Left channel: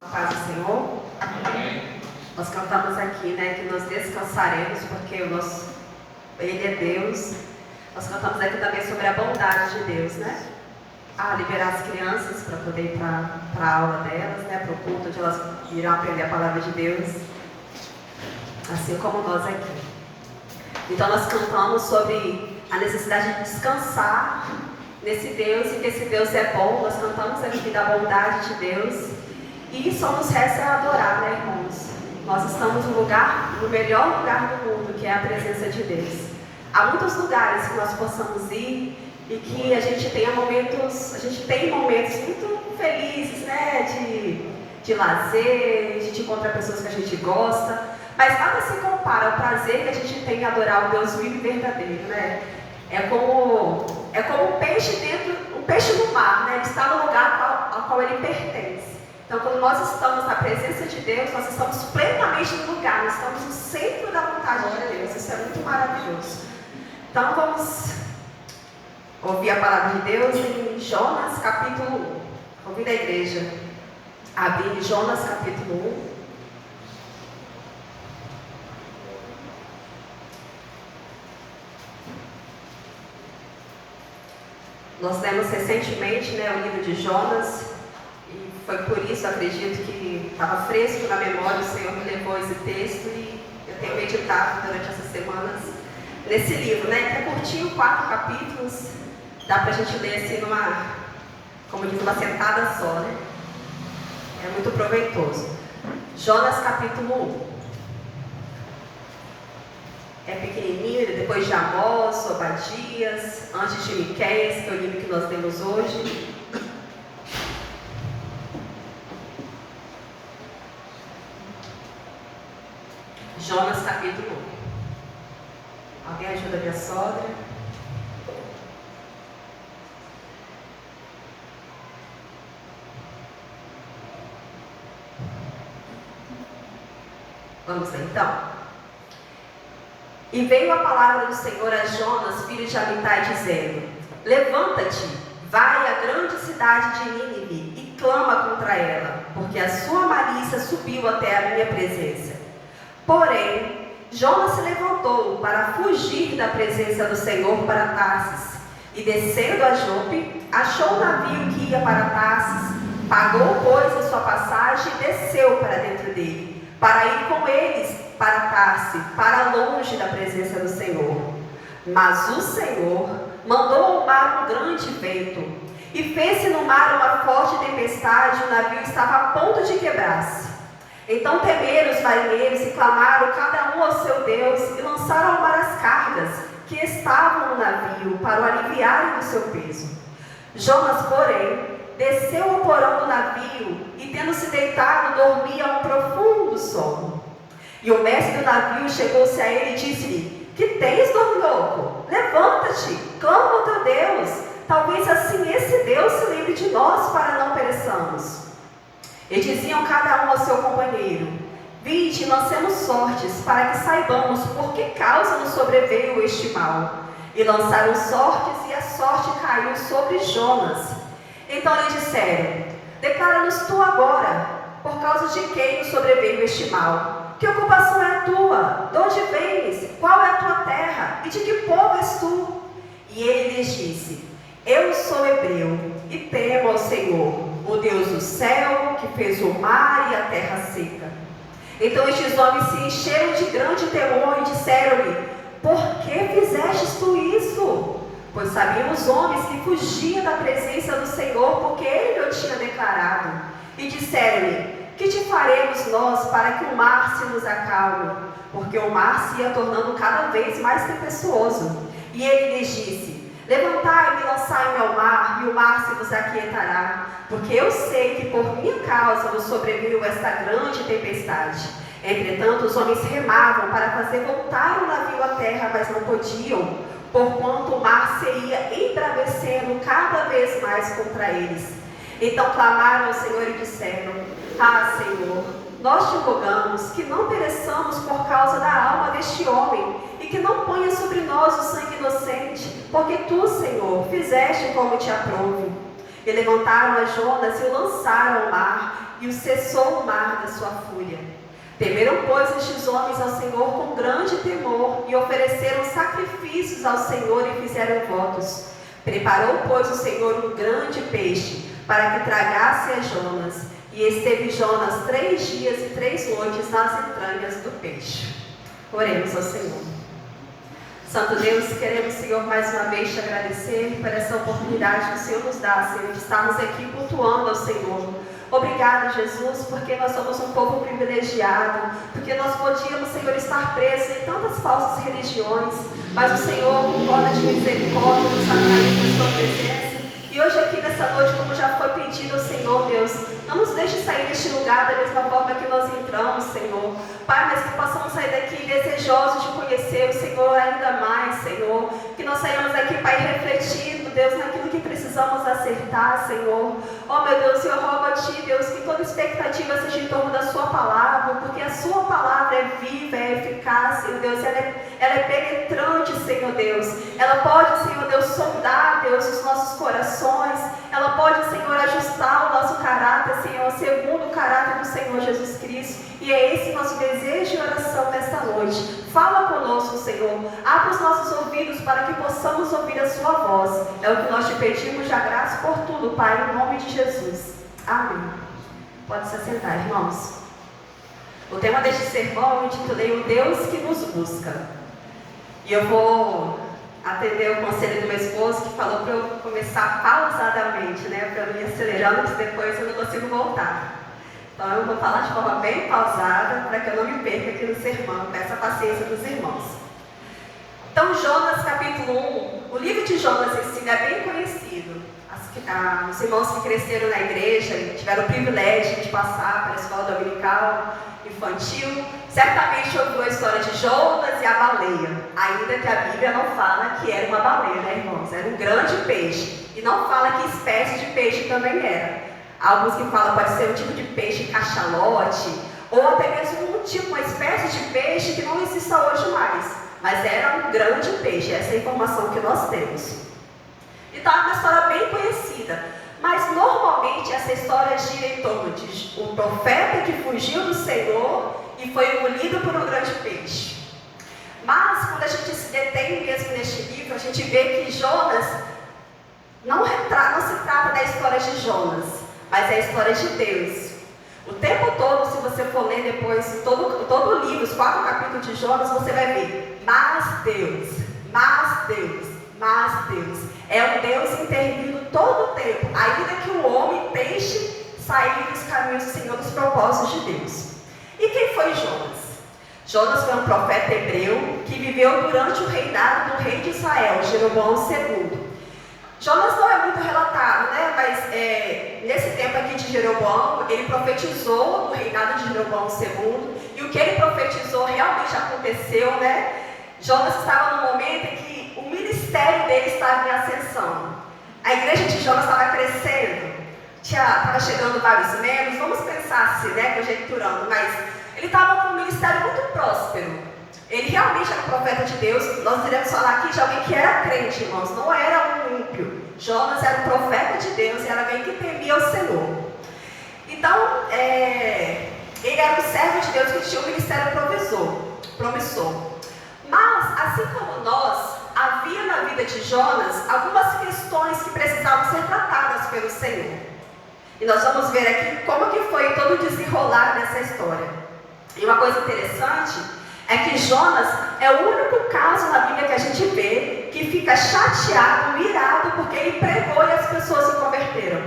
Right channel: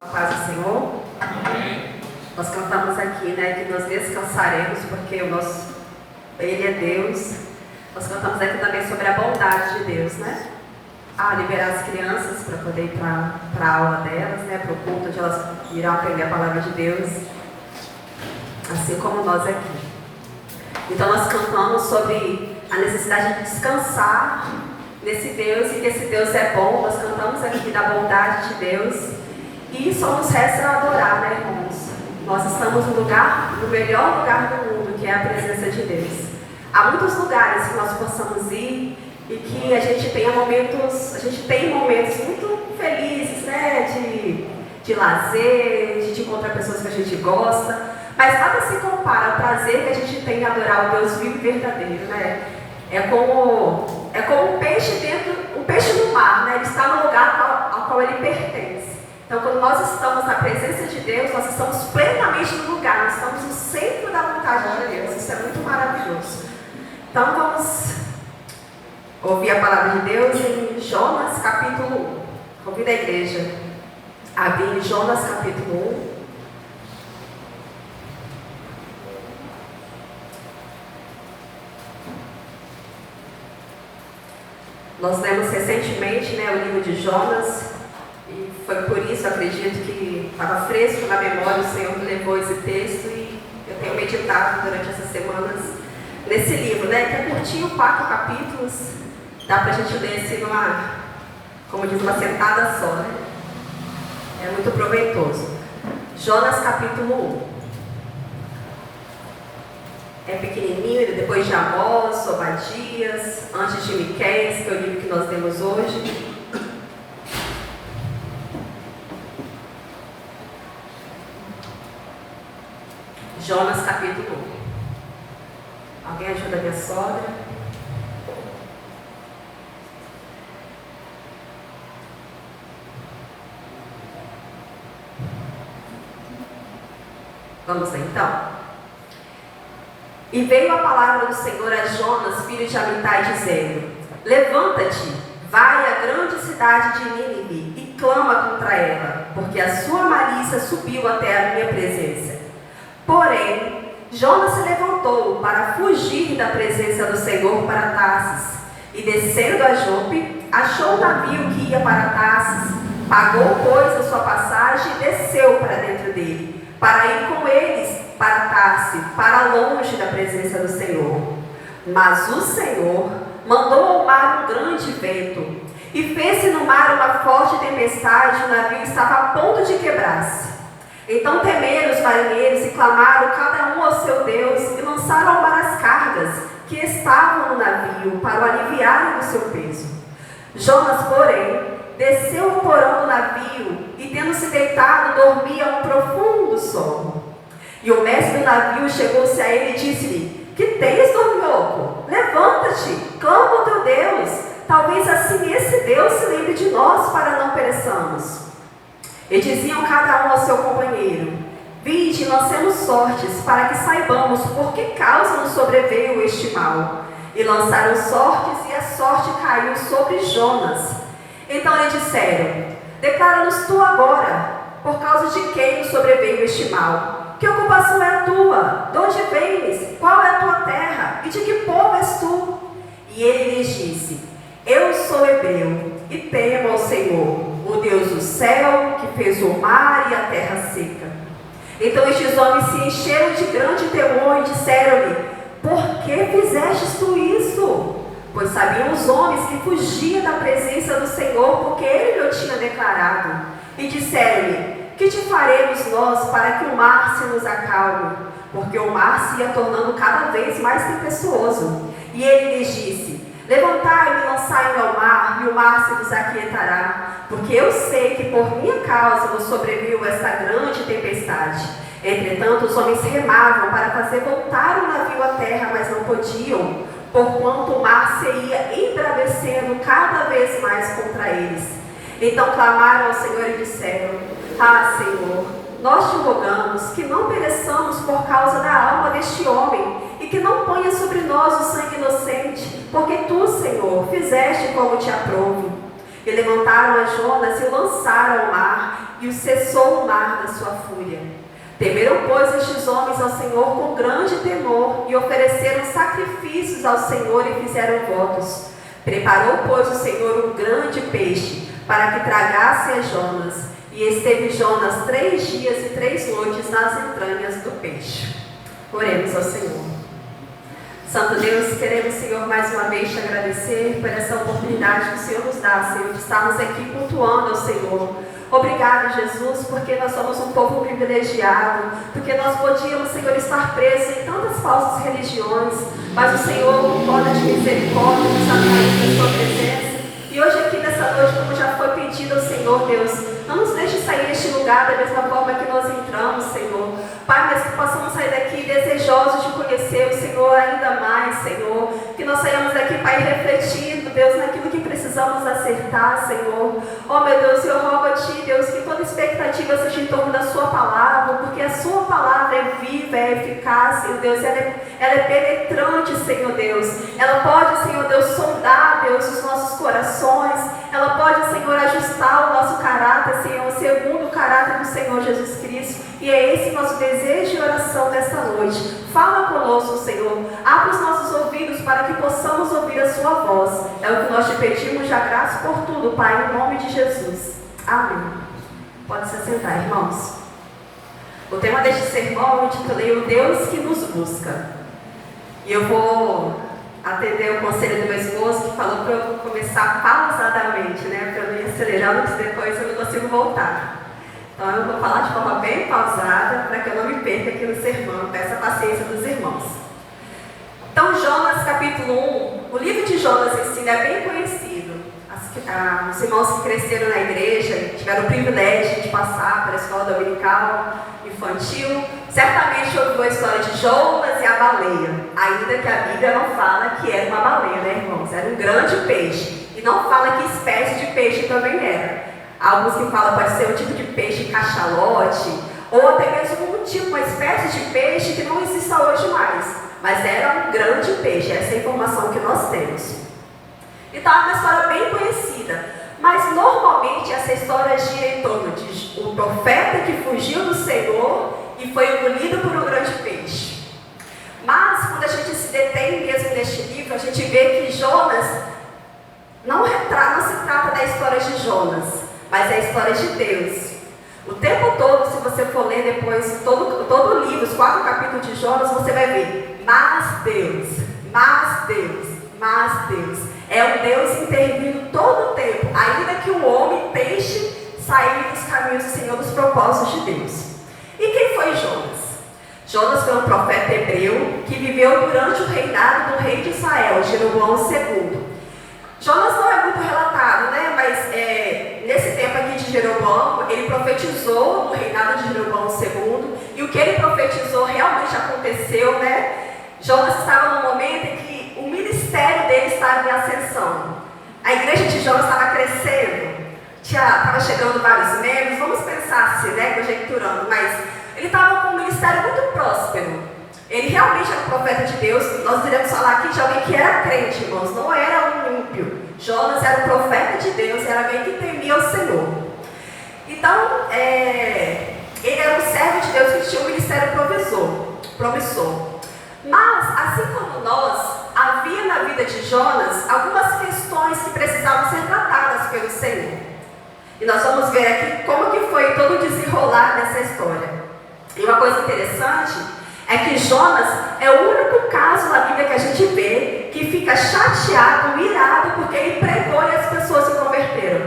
A paz do Senhor. Amém. Nós cantamos aqui, que nós descansaremos porque Ele é Deus. Nós cantamos aqui também sobre a bondade de Deus, liberar as crianças para poder ir para a aula delas, para o culto, onde elas irão aprender a palavra de Deus, assim como nós aqui. Então nós cantamos sobre a necessidade de descansar nesse Deus e que esse Deus é bom. Nós cantamos aqui da bondade de Deus. E só nos resta adorar, irmãos? Nós estamos no melhor lugar do mundo, que é a presença de Deus. Há muitos lugares que nós possamos ir e que a gente tem momentos muito felizes, de lazer, de encontrar pessoas que a gente gosta, mas nada se compara ao prazer que a gente tem em adorar o Deus vivo e verdadeiro, É como um peixe no mar, Ele está no lugar ao qual ele pertence. Então, quando nós estamos na presença de Deus, nós estamos plenamente no lugar, nós estamos no centro da vontade de Deus. Isso é muito maravilhoso. Então, vamos ouvir a palavra de Deus em Jonas capítulo 1. Convido a igreja a abrir em Jonas capítulo 1. Nós lemos recentemente o livro de Jonas. E foi por isso, acredito, que estava fresco na memória, o Senhor me levou esse texto e eu tenho meditado durante essas semanas nesse livro, que é curtinho, 4 capítulos, dá para a gente ler assim uma sentada só, É muito proveitoso. Jonas capítulo 1. É pequenininho, depois de Amós, Obadias, antes de Miqueias, que é o livro que nós lemos hoje. Jonas capítulo 1. Alguém ajuda a minha sogra? Vamos lá então. E veio a palavra do Senhor a Jonas, filho de Amitai, dizendo: Levanta-te, vai à grande cidade de Nínive e clama contra ela, porque a sua malícia subiu até a minha presença. Porém, Jonas se levantou para fugir da presença do Senhor para Tarsis, e descendo a Jope, achou o navio que ia para Tarsis, pagou, pois, a sua passagem e desceu para dentro dele, para ir com eles para Tarsis, para longe da presença do Senhor. Mas o Senhor mandou ao mar um grande vento, e fez-se no mar uma forte tempestade, e o navio estava a ponto de quebrar-se. Então temeram os marinheiros e clamaram cada um ao seu Deus e lançaram ao mar as cargas que estavam no navio para o aliviarem do seu peso. Jonas, porém, desceu ao porão do navio e, tendo se deitado, dormia um profundo sono. E o mestre do navio chegou-se a ele e disse-lhe: Que tens, dorminhoco? Levanta-te, clama ao teu Deus. Talvez assim esse Deus se lembre de nós para não pereçamos. E diziam cada um ao seu companheiro: Vinde, lancemos sortes, para que saibamos por que causa nos sobreveio este mal. E lançaram sortes, e a sorte caiu sobre Jonas. Então lhe disseram: Declara-nos tu agora, por causa de quem nos sobreveio este mal. Que ocupação é a tua? De onde vens? Qual é a tua terra? E de que povo és tu? E ele lhes disse: Eu sou hebreu, e temo ao Senhor, o Deus do céu, que fez o mar e a terra seca. Então estes homens se encheram de grande temor e disseram-lhe: Por que fizestes tu isso? Pois sabiam os homens que fugia da presença do Senhor, porque ele lhe tinha declarado. E disseram-lhe: Que te faremos nós para que o mar se nos acalme? Porque o mar se ia tornando cada vez mais tempestuoso. E ele lhes disse: Levantai-me e lançai-me ao mar, e o mar se vos aquietará, porque eu sei que por minha causa vos sobreveio esta grande tempestade. Entretanto, os homens remavam para fazer voltar o navio à terra, mas não podiam, porquanto o mar se ia embravecendo cada vez mais contra eles. Então clamaram ao Senhor e disseram: Ah, Senhor, nós te rogamos que não pereçamos por causa da alma deste homem, e que não ponha sobre nós o sangue inocente, porque tu, Senhor, fizeste como te aprouve. E levantaram a Jonas e o lançaram ao mar, e o cessou o mar da sua fúria. Temeram, pois, estes homens ao Senhor com grande temor, e ofereceram sacrifícios ao Senhor e fizeram votos. Preparou, pois, o Senhor um grande peixe, para que tragasse a Jonas. E esteve Jonas 3 dias e 3 noites nas entranhas do peixe. Oremos ao Senhor. Santo Deus, queremos, Senhor, mais uma vez te agradecer por essa oportunidade que o Senhor nos dá, Senhor, de estarmos aqui cultuando ao Senhor. Obrigado, Jesus, porque nós somos um povo privilegiado, porque nós podíamos, Senhor, estar presos em tantas falsas religiões, mas o Senhor, com corda de misericórdia, nos atraiu na sua presença. E hoje aqui nessa noite, como já foi pedido ao Senhor, Deus, não nos deixe sair deste lugar da mesma forma que nós entramos, Senhor. Pai, mas que possamos sair daqui desejosos de conhecer o Senhor ainda mais, Senhor. Que nós saímos daqui, Pai, refletindo, Deus, naquilo que precisamos acertar, Senhor. Oh, meu Deus, eu rogo a Ti, Deus, que toda expectativa seja em torno da Sua palavra, porque a Sua palavra é viva, é eficaz, Senhor Deus. Ela é penetrante, Senhor Deus. Ela pode, Senhor Deus, sondar, Deus, os nossos corações. Ela pode, Senhor, ajustar o nosso caráter, Senhor, segundo o caráter do Senhor Jesus Cristo. E é esse nosso desejo e oração nesta noite. Fala conosco, Senhor. Abra os nossos ouvidos para que possamos ouvir a Sua voz. É o que nós te pedimos, já graças por tudo, Pai, em nome de Jesus. Amém. Pode se assentar, irmãos. O tema deste sermão eu intitulei O Deus que nos busca. E eu vou atender o conselho do meu esposo, que falou para eu começar pausadamente, né? Para não ir acelerando, porque depois eu não consigo voltar. Então eu vou falar de forma bem pausada, para que eu não me perca aqui no sermão, com essa paciência dos irmãos. Então, Jonas, capítulo 1, o livro de Jonas em si é bem conhecido. Os irmãos que cresceram na igreja, tiveram o privilégio de passar pela escola dominical, infantil, certamente ouviu a história de Jonas e a baleia, ainda que a Bíblia não fala que era uma baleia, né, irmãos? Era um grande peixe, e não fala que espécie de peixe também era. Alguns que falam pode ser um tipo de peixe cachalote, ou até mesmo um tipo, uma espécie de peixe que não existe hoje mais, mas era um grande peixe, essa é a informação que nós temos. Então é uma história bem conhecida, mas normalmente essa história gira em torno de um profeta que fugiu do Senhor e foi engolido por um grande peixe. Mas quando a gente se detém mesmo neste livro, a gente vê que Jonas não se trata da história de Jonas, mas é a história de Deus. O tempo todo, se você for ler depois todo o livro, os 4 capítulos de Jonas, você vai ver, mas Deus, mas Deus, mas Deus. É um Deus intervindo todo o tempo, ainda que o homem deixe sair dos caminhos do Senhor, dos propósitos de Deus. E quem foi Jonas? Jonas foi um profeta hebreu que viveu durante o reinado do rei de Israel, Jeroboão II. Jonas não é muito relatado, né? Mas nesse tempo aqui de Jeroboão, ele profetizou no reinado de Jeroboão II, e o que ele profetizou realmente aconteceu, né? Jonas estava no momento em que o ministério dele estava em ascensão. A igreja de Jonas estava crescendo, estava chegando vários membros, vamos pensar assim, né? Conjecturando, mas ele estava com um ministério muito próspero. Ele realmente era um profeta de Deus. Nós iremos falar aqui de alguém que era crente, irmãos, não era um ímpio. Jonas era um profeta de Deus, era alguém que temia o Senhor. Então, ele era um servo de Deus que tinha um ministério promissor. Mas, assim como nós, havia na vida de Jonas algumas questões que precisavam ser tratadas pelo Senhor. E nós vamos ver aqui como que foi todo o desenrolar dessa história. E uma coisa interessante é que Jonas é o único caso na Bíblia que a gente vê que fica chateado, irado, porque ele pregou e as pessoas se converteram.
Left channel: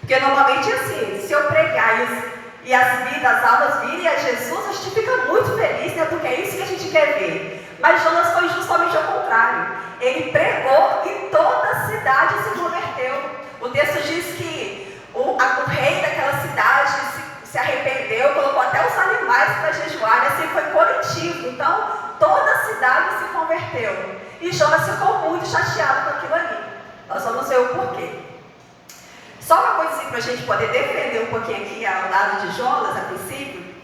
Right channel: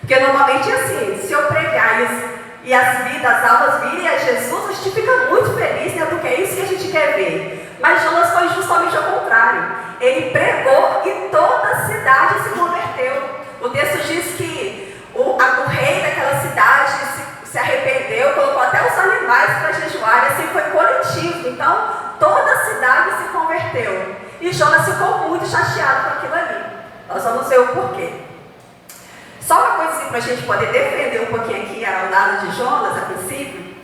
Porque normalmente é assim, se eu pregar e as almas virem a Jesus, a gente fica muito feliz, né? Porque é isso que a gente quer ver. Mas Jonas foi justamente ao contrário. Ele pregou e toda a cidade se converteu. O texto diz que o rei daquela cidade se arrependeu, colocou até os animais para jejuar, assim foi coletivo. Então, toda a cidade se converteu. E Jonas ficou muito chateado com aquilo ali. Nós vamos ver o porquê. Só uma coisinha para a gente poder defender um pouquinho aqui ao lado de Jonas, a princípio,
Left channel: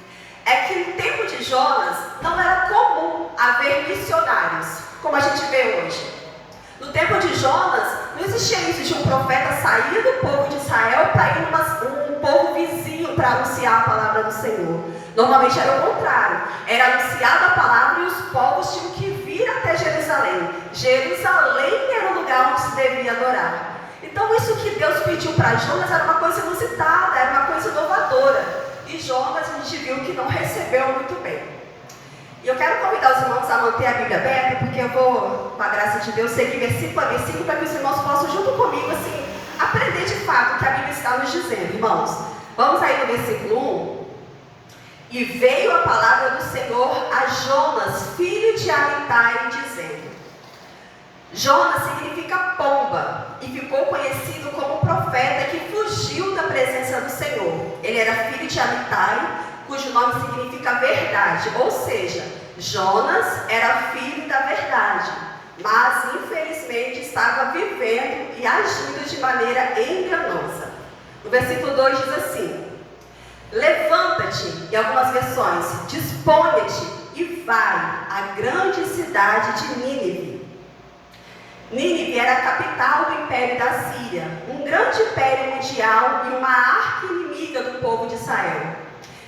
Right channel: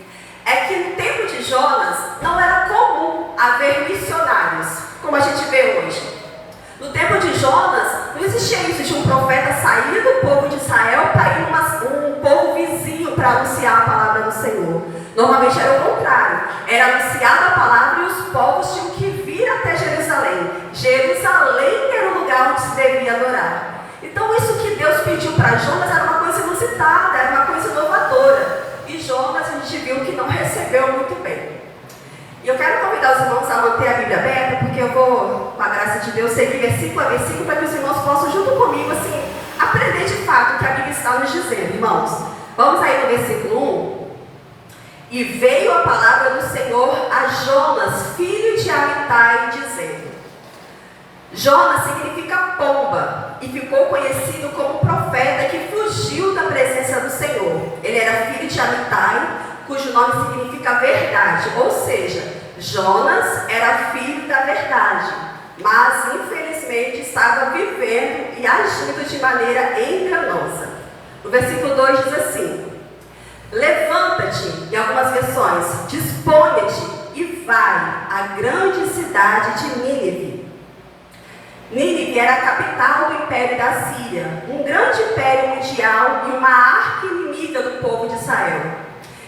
é que no tempo de Jonas não era comum haver missionários, como a gente vê hoje. No tempo de Jonas, não existia isso de um profeta sair do povo de Israel para ir um povo vizinho para anunciar a palavra do Senhor. Normalmente era o contrário, era anunciada a palavra e os povos tinham que vir até Jerusalém. Jerusalém era o lugar onde se devia adorar. Então isso que Deus pediu para Jonas era uma coisa inusitada, era uma coisa inovadora. E Jonas, a gente viu que não recebeu muito bem. E eu quero convidar os irmãos a manter a Bíblia aberta, porque eu vou, com a graça de Deus, seguir versículo a versículo, para que os irmãos possam, junto comigo, assim, aprender de fato o que a Bíblia está nos dizendo. Irmãos, vamos aí no versículo 1. E veio a palavra do Senhor a Jonas, filho de Amitai, dizendo. Jonas significa pomba, e ficou conhecido como profeta que fugiu da presença do Senhor. Ele era filho de Amitai, cujo nome significa verdade, ou seja, Jonas era filho da verdade, mas infelizmente estava vivendo e agindo de maneira enganosa. No versículo 2 diz assim: levanta-te, em algumas versões, dispõe-te e vai à grande cidade de Nínive. Nínive era a capital do Império da Síria, um grande império mundial e uma arqui-inimiga do povo de Israel.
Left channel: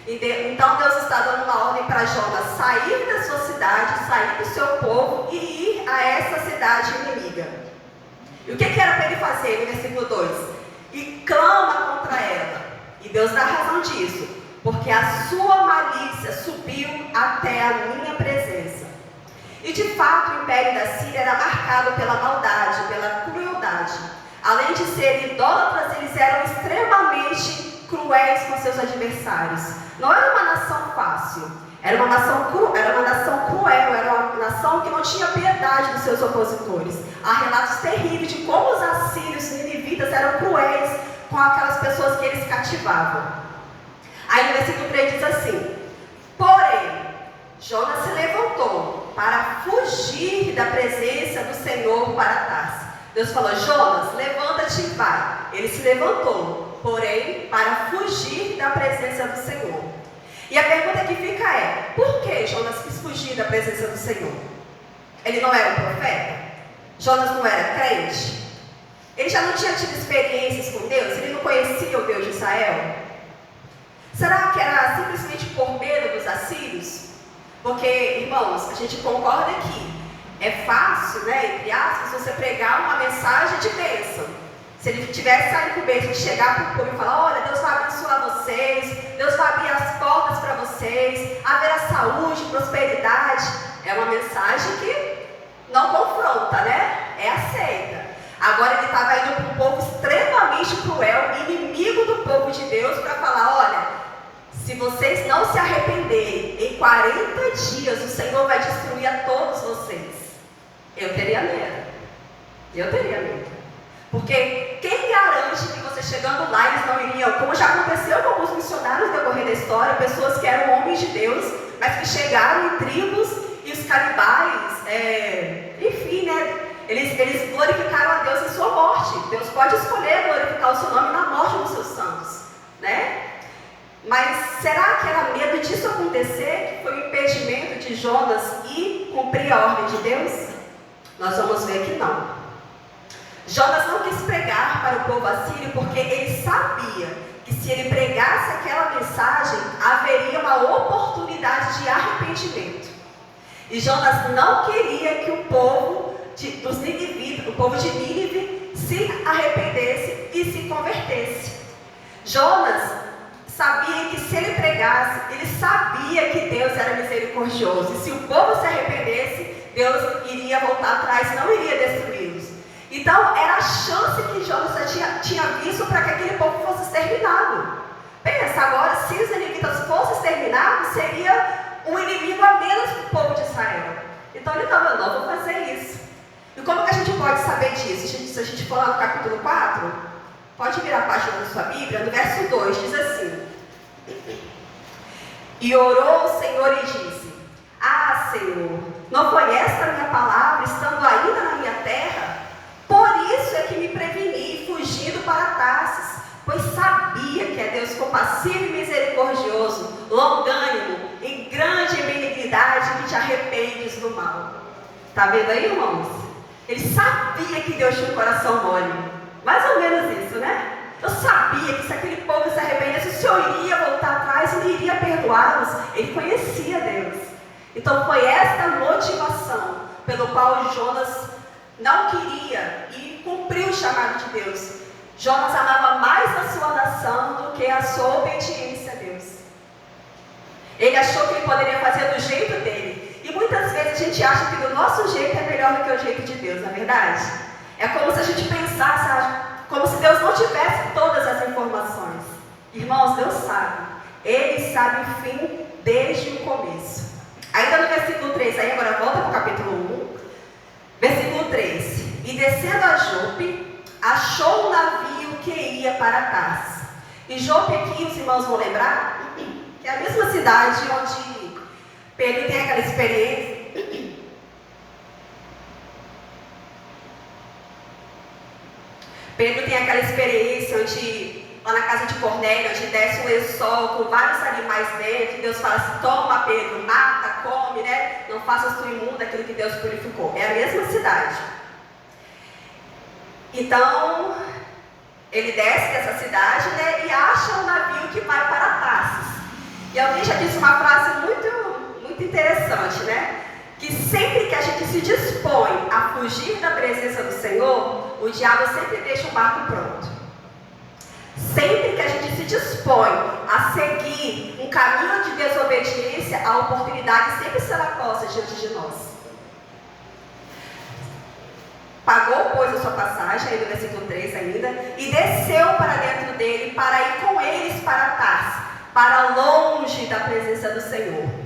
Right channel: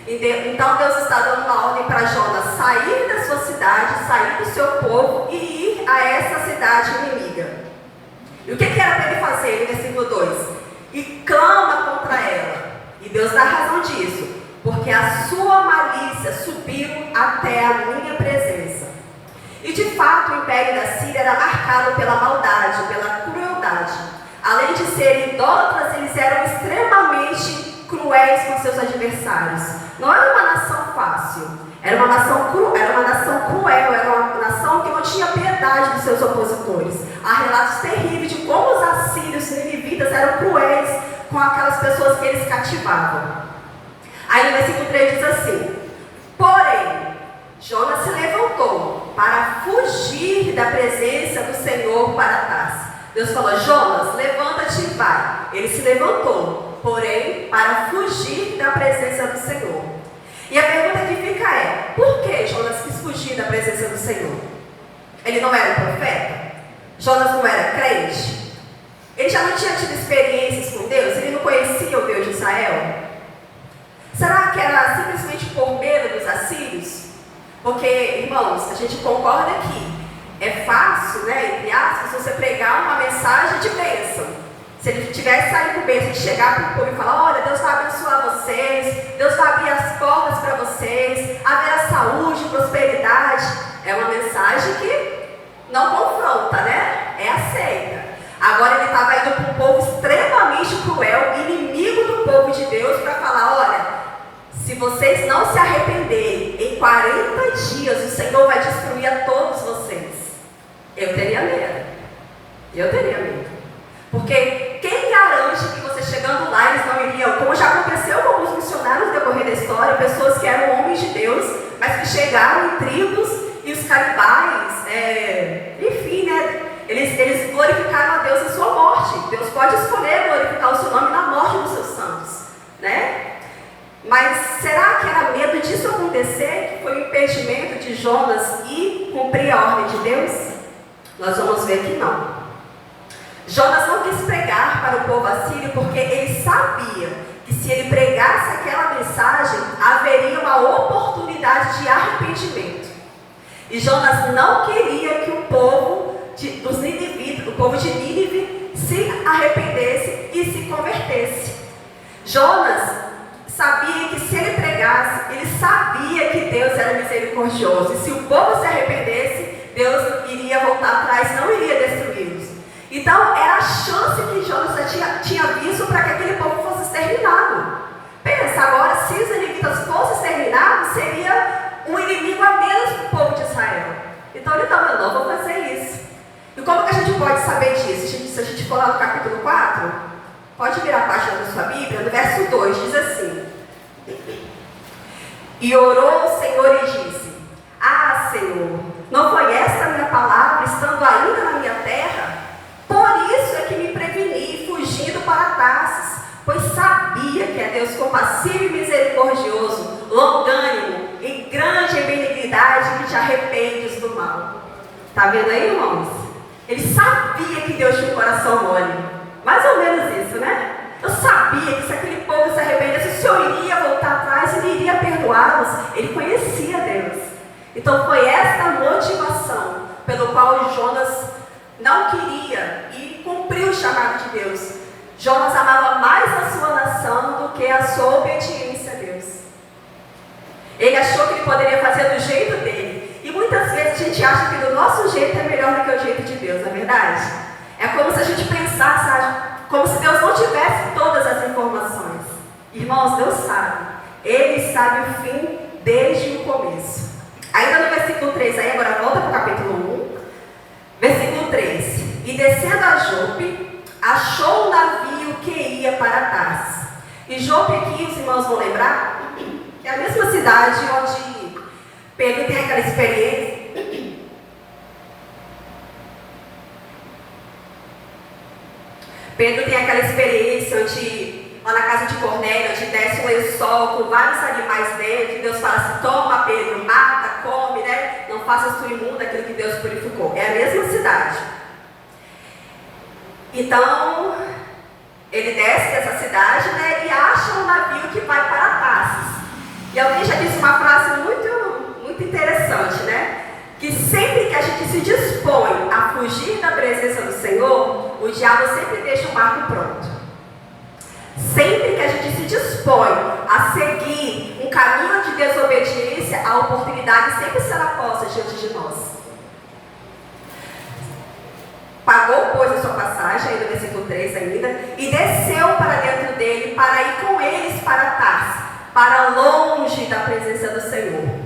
Então Deus está dando uma ordem para Jonas sair da sua cidade, sair do seu povo e ir a essa cidade inimiga. E o que era para ele fazer no versículo 2? E clama contra ela. E Deus dá razão disso, porque a sua malícia subiu até a minha presença. E de fato o império da Síria era marcado pela maldade, pela crueldade. Além de serem idólatras, eles eram extremamente cruéis com seus adversários. Não era uma nação fácil, era uma nação cruel, era uma nação que não tinha piedade dos seus opositores. Há relatos terríveis de como os assírios e ninivitas eram cruéis com aquelas pessoas que eles cativavam. Aí no versículo 3 diz assim: porém, Jonas se levantou para fugir da presença do Senhor para Tarsis. Deus falou: Jonas, levanta-te e vai. Ele se levantou, porém, para fugir da presença do Senhor. E a pergunta que fica é: por que Jonas quis fugir da presença do Senhor? Ele não era um profeta? Jonas não era crente? Ele já não tinha tido experiências com Deus? Ele não conhecia o Deus de Israel? Será que era simplesmente por medo dos assírios? Porque, irmãos, a gente concorda que é fácil, né, entre aspas, você pregar uma mensagem de bênção. Se ele tivesse saído com bênção de chegar para o povo e falar: olha, Deus vai abençoar vocês, Deus vai abrir as portas para vocês, haverá saúde, prosperidade. É uma mensagem que não confronta, né? É aceita. Agora ele estava indo para um povo extremamente cruel, inimigo do povo de Deus, para falar: olha, se vocês não se arrependerem, em 40 dias o Senhor vai destruir a todos vocês. Eu teria medo. Eu teria medo. Porque quem garante que você chegando lá eles não iriam, como já aconteceu com alguns missionários no decorrer da história, pessoas que eram homens de Deus, mas que chegaram em tribos e os canibais, enfim, né? Eles glorificaram a Deus em sua morte. Deus pode escolher glorificar o seu nome na morte dos seus santos, né? Mas será que era medo disso acontecer, que foi o impedimento de Jonas ir cumprir a ordem de Deus? Nós vamos ver que não. Jonas não quis pregar para o povo assírio porque ele sabia que se ele pregasse aquela mensagem, haveria uma oportunidade de arrependimento. E Jonas não queria que o povo de Nínive se arrependesse e se convertesse. Jonas sabia que se ele pregasse, ele sabia que Deus era misericordioso. E se o povo se arrependesse, Deus iria voltar atrás, não iria destruí-los. Então, era a chance que Jonas já tinha visto para que aquele povo fosse exterminado. Pensa, agora, se os ninivitas fossem exterminados, seria um inimigo a menos para o povo de Israel. Então, ele falou: não vou fazer isso. E como que a gente pode saber disso? Se a gente for lá no capítulo 4, pode virar a página da sua Bíblia, no verso 2, diz assim: e orou o Senhor e disse: ah, Senhor, não foi esta a minha palavra, estando ainda na minha terra? Por isso é que me preveni, fugindo para Tarsis, pois sabia que é Deus compassivo e misericordioso, longânimo, em grande benignidade, que te arrependes do mal. Está vendo aí, irmãos? Ele sabia que Deus tinha um coração mole. Mais ou menos isso, né? Eu sabia que se aquele povo se arrependesse, o Senhor iria voltar atrás e ele iria perdoá-los. Ele conhecia Deus. Então foi esta motivação pelo qual Jonas não queria e cumpriu o chamado de Deus. Jonas amava mais a sua nação do que a sua obediência a Deus. Ele achou que ele poderia fazer do jeito dele. E muitas vezes a gente acha que do nosso jeito é melhor do que o jeito de Deus, não é verdade? É como se a gente pensasse, como se Deus não tivesse todas as informações. Irmãos, Deus sabe. Ele sabe o fim desde o começo. Ainda no versículo 3, aí agora volta para o capítulo 1. Versículo 3. E descendo a Jope, achou um navio que ia para Tarsis. E Jope aqui, os irmãos vão lembrar, que é a mesma cidade onde Pedro tem aquela experiência. Pedro tem aquela experiência onde, lá na casa de Cornélio, onde desce um lençol com vários animais dentro, e Deus fala assim: toma, Pedro, mata, come, né? Não faças tu imundo aquilo que Deus purificou. É a mesma cidade. Então, ele desce dessa cidade, né, e acha um navio que vai para Tarsis. E alguém já disse uma frase muito interessante, né? Que sempre que a gente se dispõe a fugir da presença do Senhor, o diabo sempre deixa o barco pronto. Sempre que a gente se dispõe a seguir um caminho de desobediência, a oportunidade sempre será posta diante de nós. Pagou, pois, a sua passagem, aí no versículo 3 ainda, e desceu para dentro dele, para ir com eles para Tarsis, para longe da presença do Senhor.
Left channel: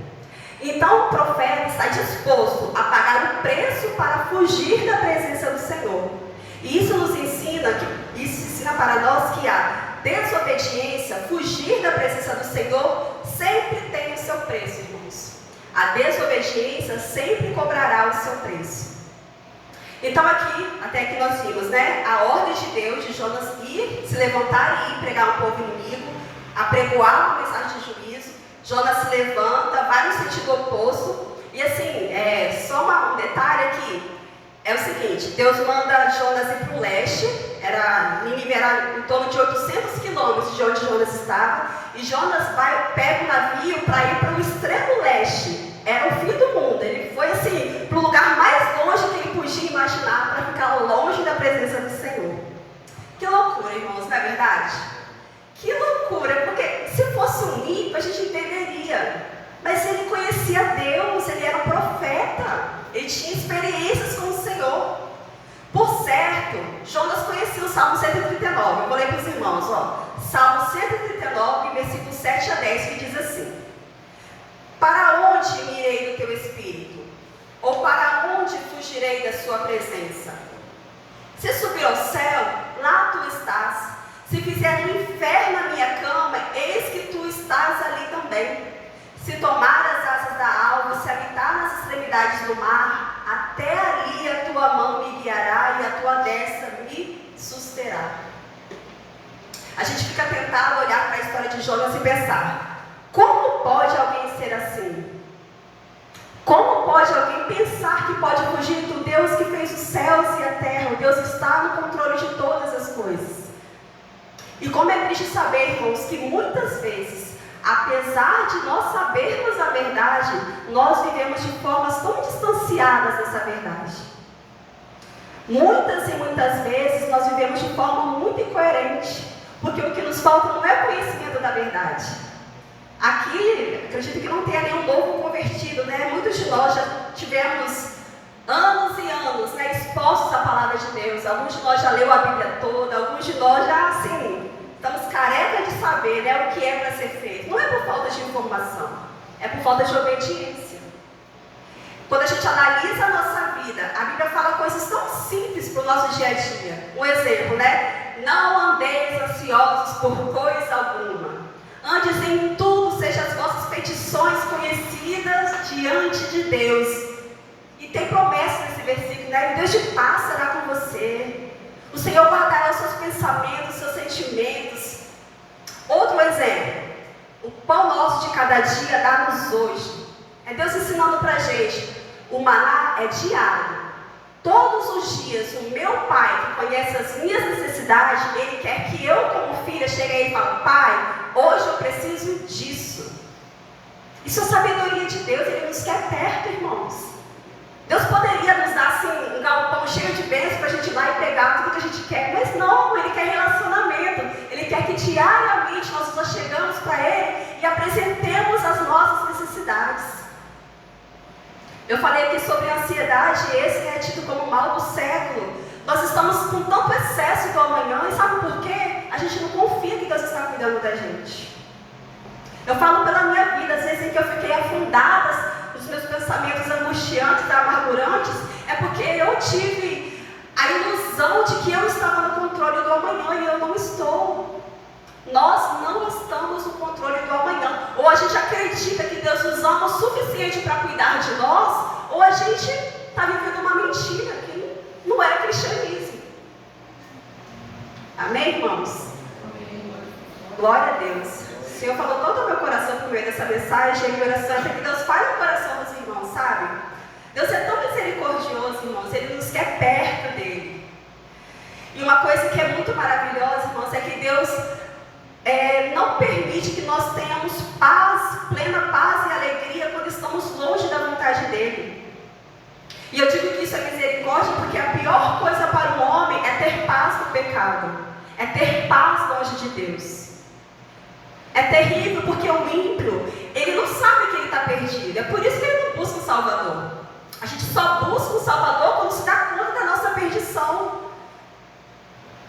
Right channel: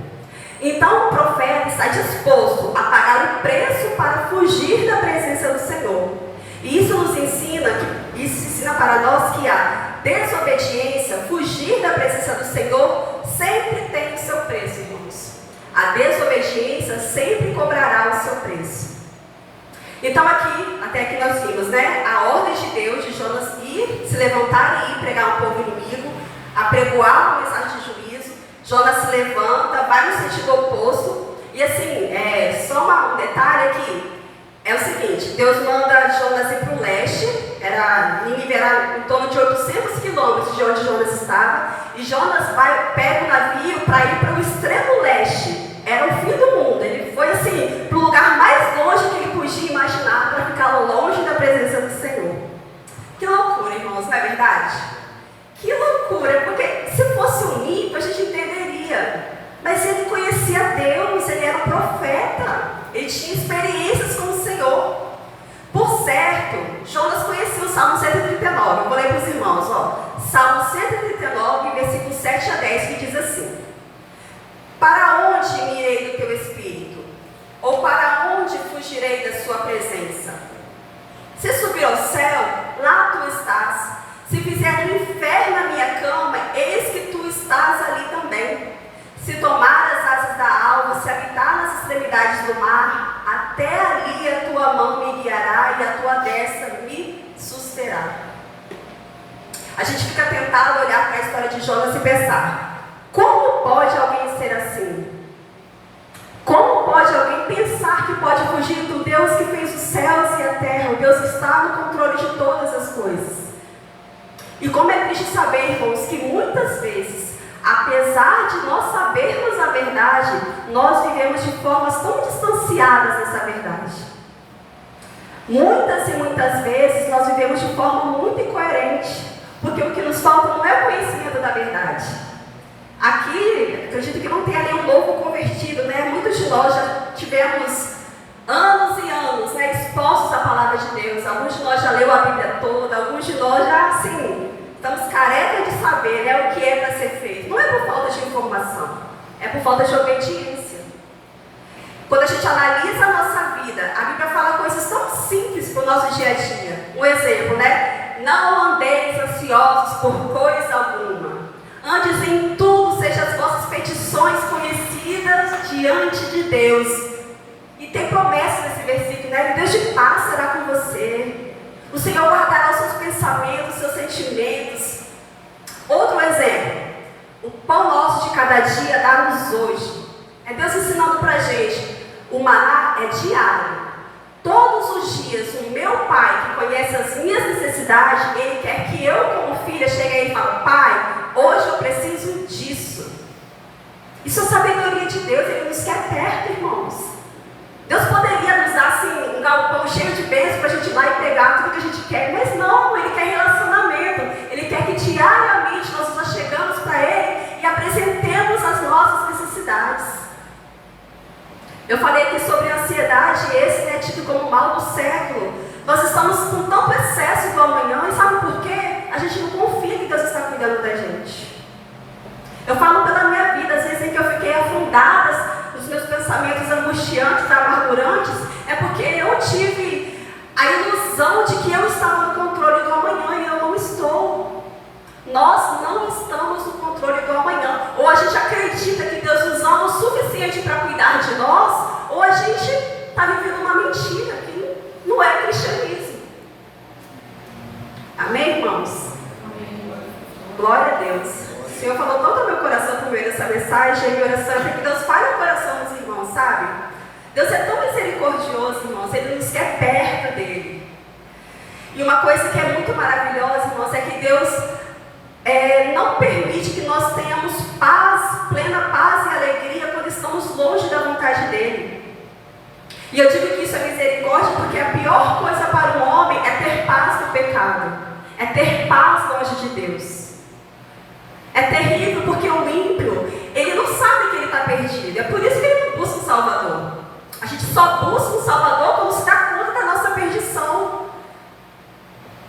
Então o profeta está disposto a pagar o preço para fugir da presença do Senhor. E isso nos ensina, para nós que a desobediência, fugir da presença do Senhor, sempre tem o seu preço, irmãos. A desobediência sempre cobrará o seu preço. Então aqui, até aqui nós vimos, né, a ordem de Deus de Jonas ir, se levantar e ir pregar um povo inimigo, apregoar uma mensagem de juízo. Jonas se levanta, vai no sentido oposto. E assim, só um detalhe aqui, é o seguinte: Deus manda Jonas ir para o leste, Nínive era em torno de 800 quilômetros de onde Jonas estava, e Jonas pega o navio para ir para o extremo leste. Era o fim do mundo. Ele foi assim, para o lugar mais longe que ele podia imaginar, para ficar longe da presença do Senhor. Que loucura, irmãos, não é verdade? Que loucura, porque se fosse um ímpio, a gente entenderia. Mas ele conhecia Deus, ele era um profeta, ele tinha experiências com o Senhor. Por certo, Jonas conhecia o Salmo 139. Eu vou ler para os irmãos, ó. Salmo 139, versículos 7 a 10, que diz assim: para onde me irei do teu espírito? Ou para onde fugirei da sua presença? Se subir ao céu, lá tu estás. Se fizer no inferno a minha cama, eis que tu estás ali também. Se tomar as asas da alva, se habitar nas extremidades do mar, até ali a tua mão me guiará e a tua destra me susterá. A gente fica tentado olhar para a história de Jonas e pensar: como pode alguém ser assim? Como pode alguém pensar que pode fugir do Deus que fez os céus e a terra? O Deus está no controle de todas as coisas. E como é triste saber, irmãos, que muitas vezes, apesar de nós sabermos a verdade, nós vivemos de formas tão distanciadas dessa verdade. Muitas e muitas vezes nós vivemos de forma muito incoerente, porque o que nos falta não é conhecimento da verdade. Aqui, acredito que não tenha nenhum novo convertido, né? Muitos de nós já tivemos anos e anos, né, expostos à palavra de Deus. Alguns de nós já leu a Bíblia toda, alguns de nós já, assim, estamos carecas de saber, né, o que é para ser feito. Não é por falta de informação, é por falta de obediência. Quando a gente analisa a nossa vida, a Bíblia fala coisas tão simples para o nosso dia a dia. Um exemplo, né? Não andeis ansiosos por coisa alguma. Antes em tudo, sejam as vossas petições conhecidas diante de Deus. E tem promessa nesse versículo, né? Deus de paz será com você. O Senhor guardará os seus pensamentos, os seus sentimentos. Outro exemplo: o pão nosso de cada dia dá-nos hoje. É Deus ensinando para a gente: o maná é diário. Todos os dias, o meu Pai, que conhece as minhas necessidades, Ele quer que eu, como filha chega aí e fala: pai, hoje eu preciso disso. Isso é sabedoria de Deus. Ele nos quer perto, irmãos. Deus poderia nos dar assim, um galpão cheio de bênçãos para a gente ir lá e pegar tudo que a gente quer, mas não, Ele quer relacionamento. Ele quer que diariamente nós chegamos para Ele e apresentemos as nossas necessidades. Eu falei aqui sobre a ansiedade, esse é tido como o mal do século. Nós estamos com tanto excesso do amanhã, e sabe por quê? A gente não confia que Deus está cuidando da gente. Eu falo pela minha vida, às vezes em que eu fiquei afundada nos meus pensamentos angustiantes, amargurantes, é porque eu tive a ilusão de que eu estava no controle do amanhã e eu não estou. Nós não estamos no controle do amanhã. Ou a gente acredita que Deus nos ama o suficiente para cuidar de nós, ou a gente está vivendo uma mentira, que não é cristianismo. Amém, irmãos? Glória a Deus. O Senhor falou tanto ao meu coração por meio dessa mensagem, e oração, que Deus fala no coração dos irmãos, sabe? Deus é tão misericordioso, irmãos, Ele nos quer perto dEle. E uma coisa que é muito maravilhosa, irmãos, é que Deus não permite que nós tenhamos paz, plena paz e alegria quando estamos longe da vontade dEle. E eu digo que isso é misericórdia porque a pior coisa para um homem é ter paz no pecado, é ter paz longe de Deus. É terrível porque o ímpio, ele não sabe que ele está perdido. É por isso que ele não busca um Salvador. A gente só busca um Salvador quando se dá conta da nossa perdição.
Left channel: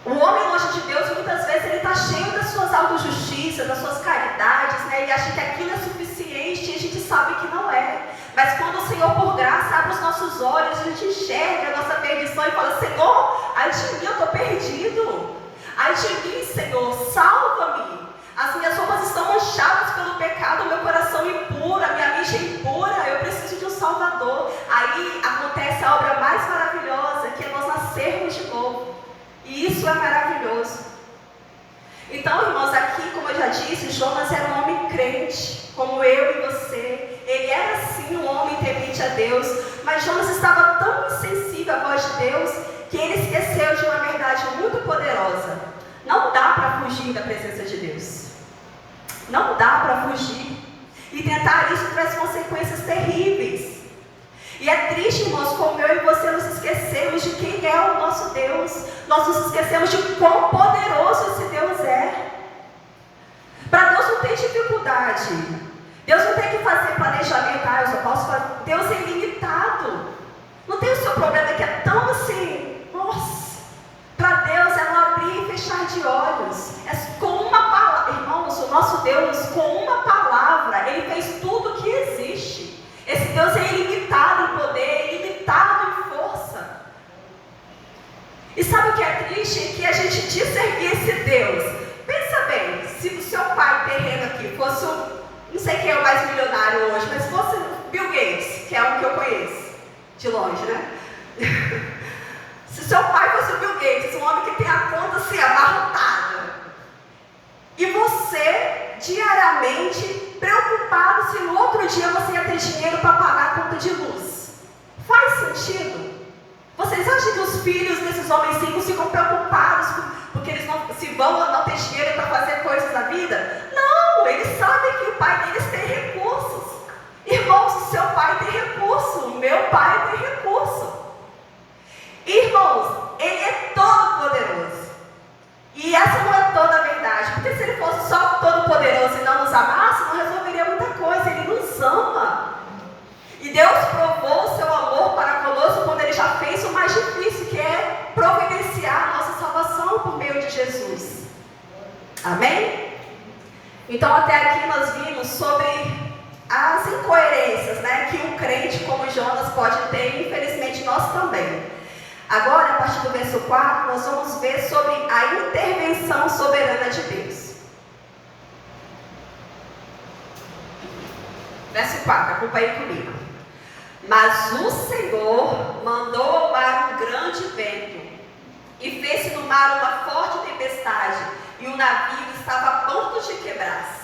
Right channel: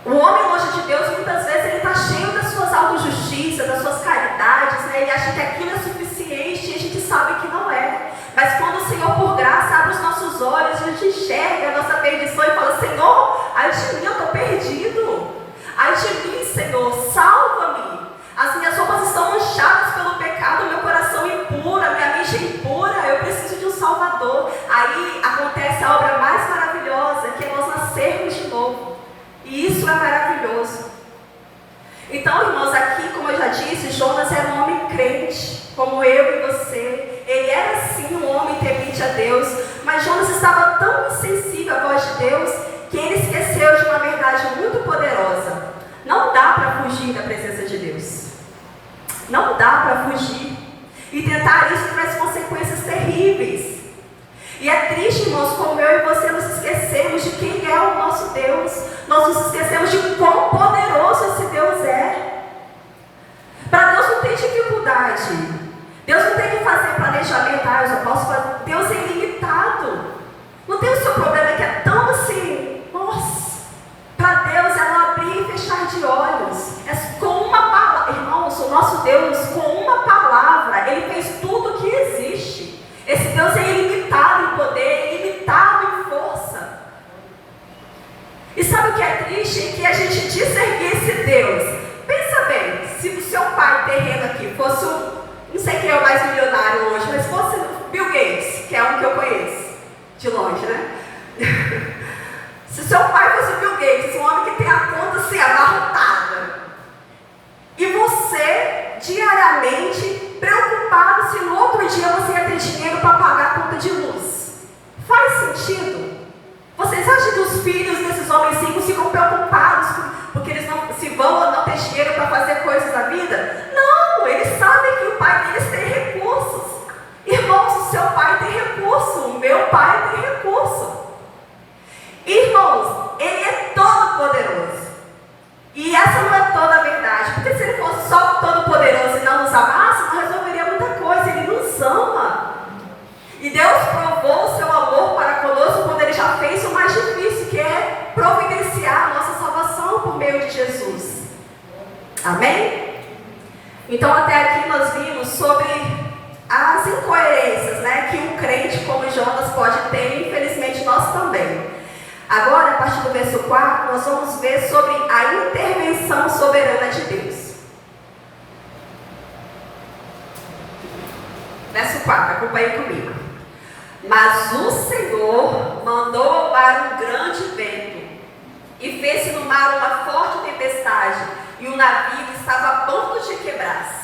O homem longe de Deus, muitas vezes, ele está cheio das suas autojustiças, das suas caridades, né? Ele acha que aquilo é suficiente e a gente sabe que não é. Mas quando o Senhor, por graça, abre os nossos olhos, a gente enxerga a nossa perdição e fala: Senhor, ai de mim, eu estou perdido. Ai de mim, Senhor, salva-me. As minhas roupas estão manchadas pelo pecado, meu coração impuro, a minha mente impura, eu preciso de um Salvador. Aí acontece a obra mais maravilhosa, que é nós nascermos de novo. E isso é maravilhoso. Então, irmãos, aqui, como eu já disse, Jonas era um homem crente, como eu e você. Ele era sim um homem temente a Deus, mas Jonas estava tão insensível à voz de Deus, que ele esqueceu de uma verdade muito poderosa. Não dá para fugir da presença de Deus. Não dá para fugir. E tentar isso traz consequências terríveis. E é triste, irmãos, como eu e você nos esquecemos de quem é o nosso Deus. Nós nos esquecemos de quão poderoso esse Deus é. Para Deus não tem dificuldade. Deus não tem que fazer planejamento. Eu só posso fazer. Deus é ilimitado. Não tem o seu problema que é tão assim. Nossa, para Deus é não abrir e fechar de olhos. É com uma palavra. Irmãos, o nosso Deus, com uma palavra, Ele fez tudo o que existe. Esse Deus é ilimitado em poder, ilimitado em força. E sabe o que é triste? É que a gente discernir esse Deus. Pensa bem, se o seu pai terreno aqui fosse não sei quem é o mais milionário hoje, mas fosse Bill Gates, que é um que eu conheço, de longe, né? Se o seu pai fosse Bill Gates, um homem que tem a conta assim, abarrotada, e você, diariamente, preocupado se no outro dia você ia ter dinheiro para pagar a conta de luz. Faz sentido? Vocês acham que os filhos desses homens ricos ficam preocupados porque eles não, se vão ou não ter dinheiro para fazer coisas da vida? Não, eles sabem que o pai deles tem recursos. Irmãos, o seu pai tem recurso, o meu pai tem recurso. Irmãos, Ele é todo poderoso. E essa não é toda a verdade, porque se Ele fosse só todo poderoso e não nos amasse, não resolveria muita coisa. Ele nos ama. E Deus provou o seu amor para conosco quando Ele já fez o mais difícil, que é providenciar a nossa salvação por meio de Jesus. Amém? Então até aqui nós vimos sobre as incoerências, né, que um crente como Jonas pode ter, e infelizmente nós também. Agora, a partir do verso 4, nós vamos ver sobre a intervenção soberana de Deus. Verso 4, acompanhe comigo. Mas o Senhor mandou ao mar um grande vento, e fez-se no mar uma forte tempestade, e o navio estava a ponto de quebrar-se.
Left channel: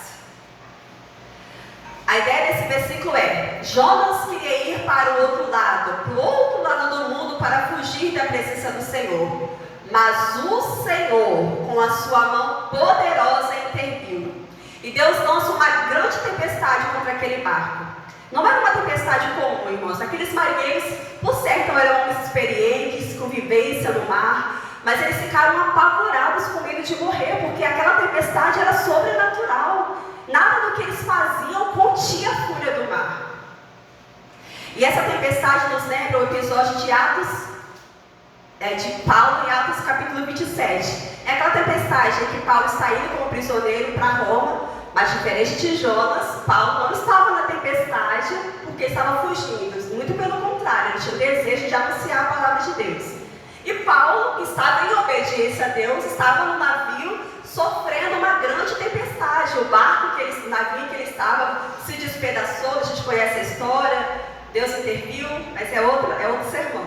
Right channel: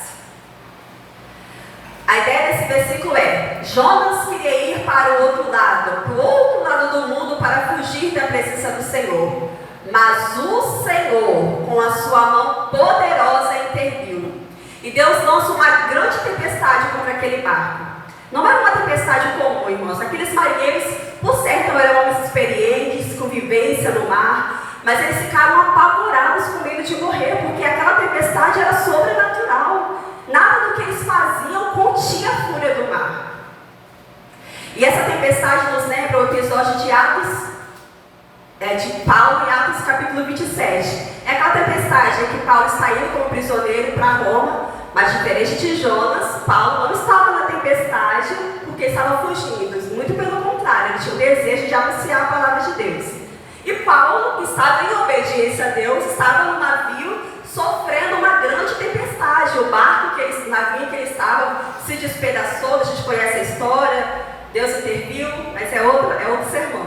A ideia desse versículo é: Jonas queria ir para o outro lado do mundo, para fugir da presença do Senhor. Mas o Senhor, com a sua mão poderosa interviu. E Deus lança uma grande tempestade contra aquele barco. Não era uma tempestade comum, irmãos. Aqueles marinheiros, por certo, eram homens experientes, com vivência no mar, mas eles ficaram apavorados com medo de morrer, porque aquela tempestade era sobrenatural. Nada do que eles faziam continha a fúria do mar. E essa tempestade nos lembra o episódio de Paulo em Atos capítulo 27. É aquela tempestade em que Paulo está indo como prisioneiro para Roma, mas diferente de Jonas, Paulo não estava na tempestade porque estava fugindo. Muito pelo contrário, ele tinha o desejo de anunciar a palavra de Deus. E Paulo estava em obediência a Deus, estava no navio sofrendo uma grande tempestade. O navio que ele estava se despedaçou, a gente conhece a história, Deus interviu, mas é outro sermão.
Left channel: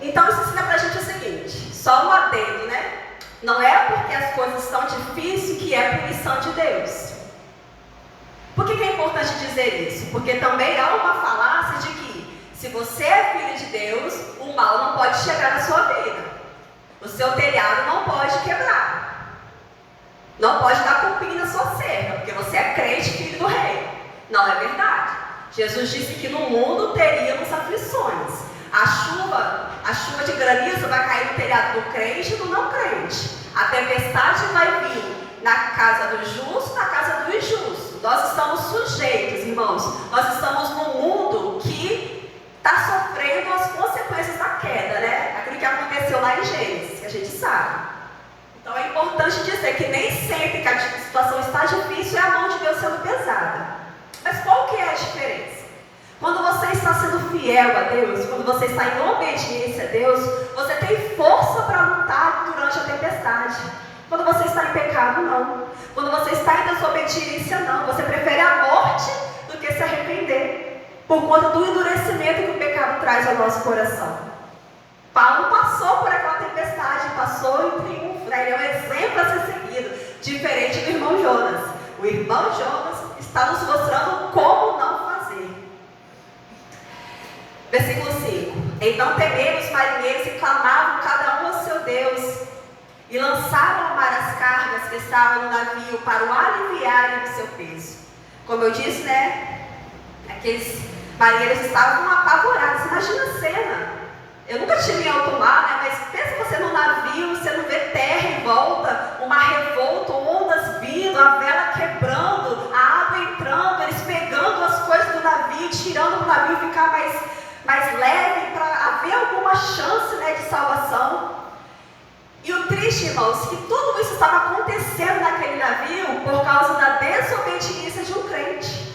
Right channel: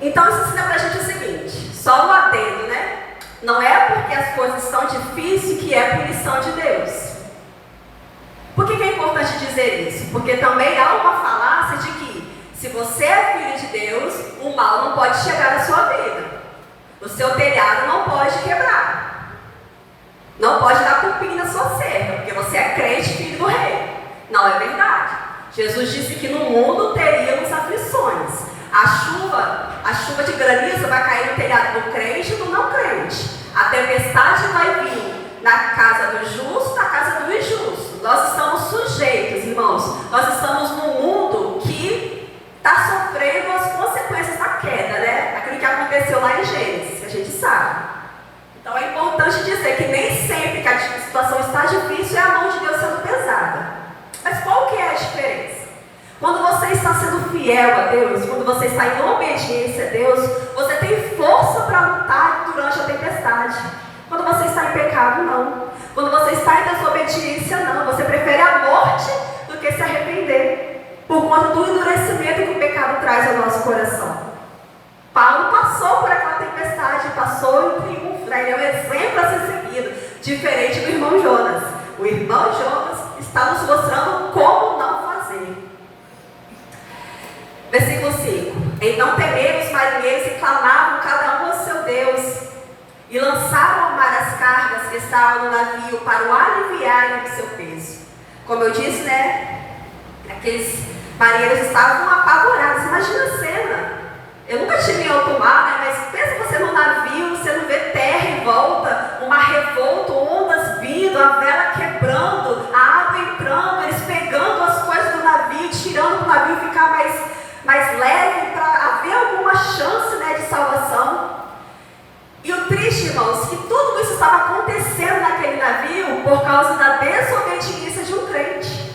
Então isso ensina pra gente o seguinte, só um adendo, né? Não é porque as coisas estão difíceis que é punição de Deus. Por que é importante dizer isso? Porque também há uma falácia de que se você é filho de Deus, o mal não pode chegar na sua vida. O seu telhado não pode quebrar. Não pode dar cupim na sua cerca, porque você é crente, filho do rei. Não é verdade. Jesus disse que no mundo teríamos aflições. A chuva de granizo vai cair no telhado do crente e do não crente. A tempestade vai vir na casa do justo, na casa do injusto. Nós estamos sujeitos, irmãos. Nós estamos num mundo que está sofrendo as consequências da queda, né? Aquilo que aconteceu lá em Gênesis, que a gente sabe. Então é importante dizer que nem sempre que a situação está difícil é a mão de Deus sendo pesada. Mas qual que é a diferença? Quando você está sendo fiel a Deus, quando você está em obediência a Deus, você tem força para lutar durante a tempestade. Quando você está em pecado, não. Quando você está em desobediência, não. Você prefere a morte do que se arrepender, por conta do endurecimento que o pecado traz ao nosso coração. Paulo passou por aquela tempestade, passou em triunfo, né? Ele é um exemplo a ser seguido, diferente do irmão Jonas. O irmão Jonas está nos mostrando como não fazer. Versículo 5. Então temeram os marinheiros e clamavam cada um ao seu Deus, e lançaram ao mar as cargas que estavam no navio para o aliviarem do seu peso. Como eu disse, né? Aqueles marinheiros estavam apavorados. Imagina a cena. Eu nunca tive em alto mar, né? Mas pensa você no navio, você não vê terra em volta, uma revolta, ondas vindo, a vela quebrando, a água entrando, eles pegando as coisas do navio, tirando para o navio ficar mais leve, para haver alguma chance, né, de salvação. E o triste, irmãos, que tudo isso estava acontecendo naquele navio por causa da desobediência de um crente.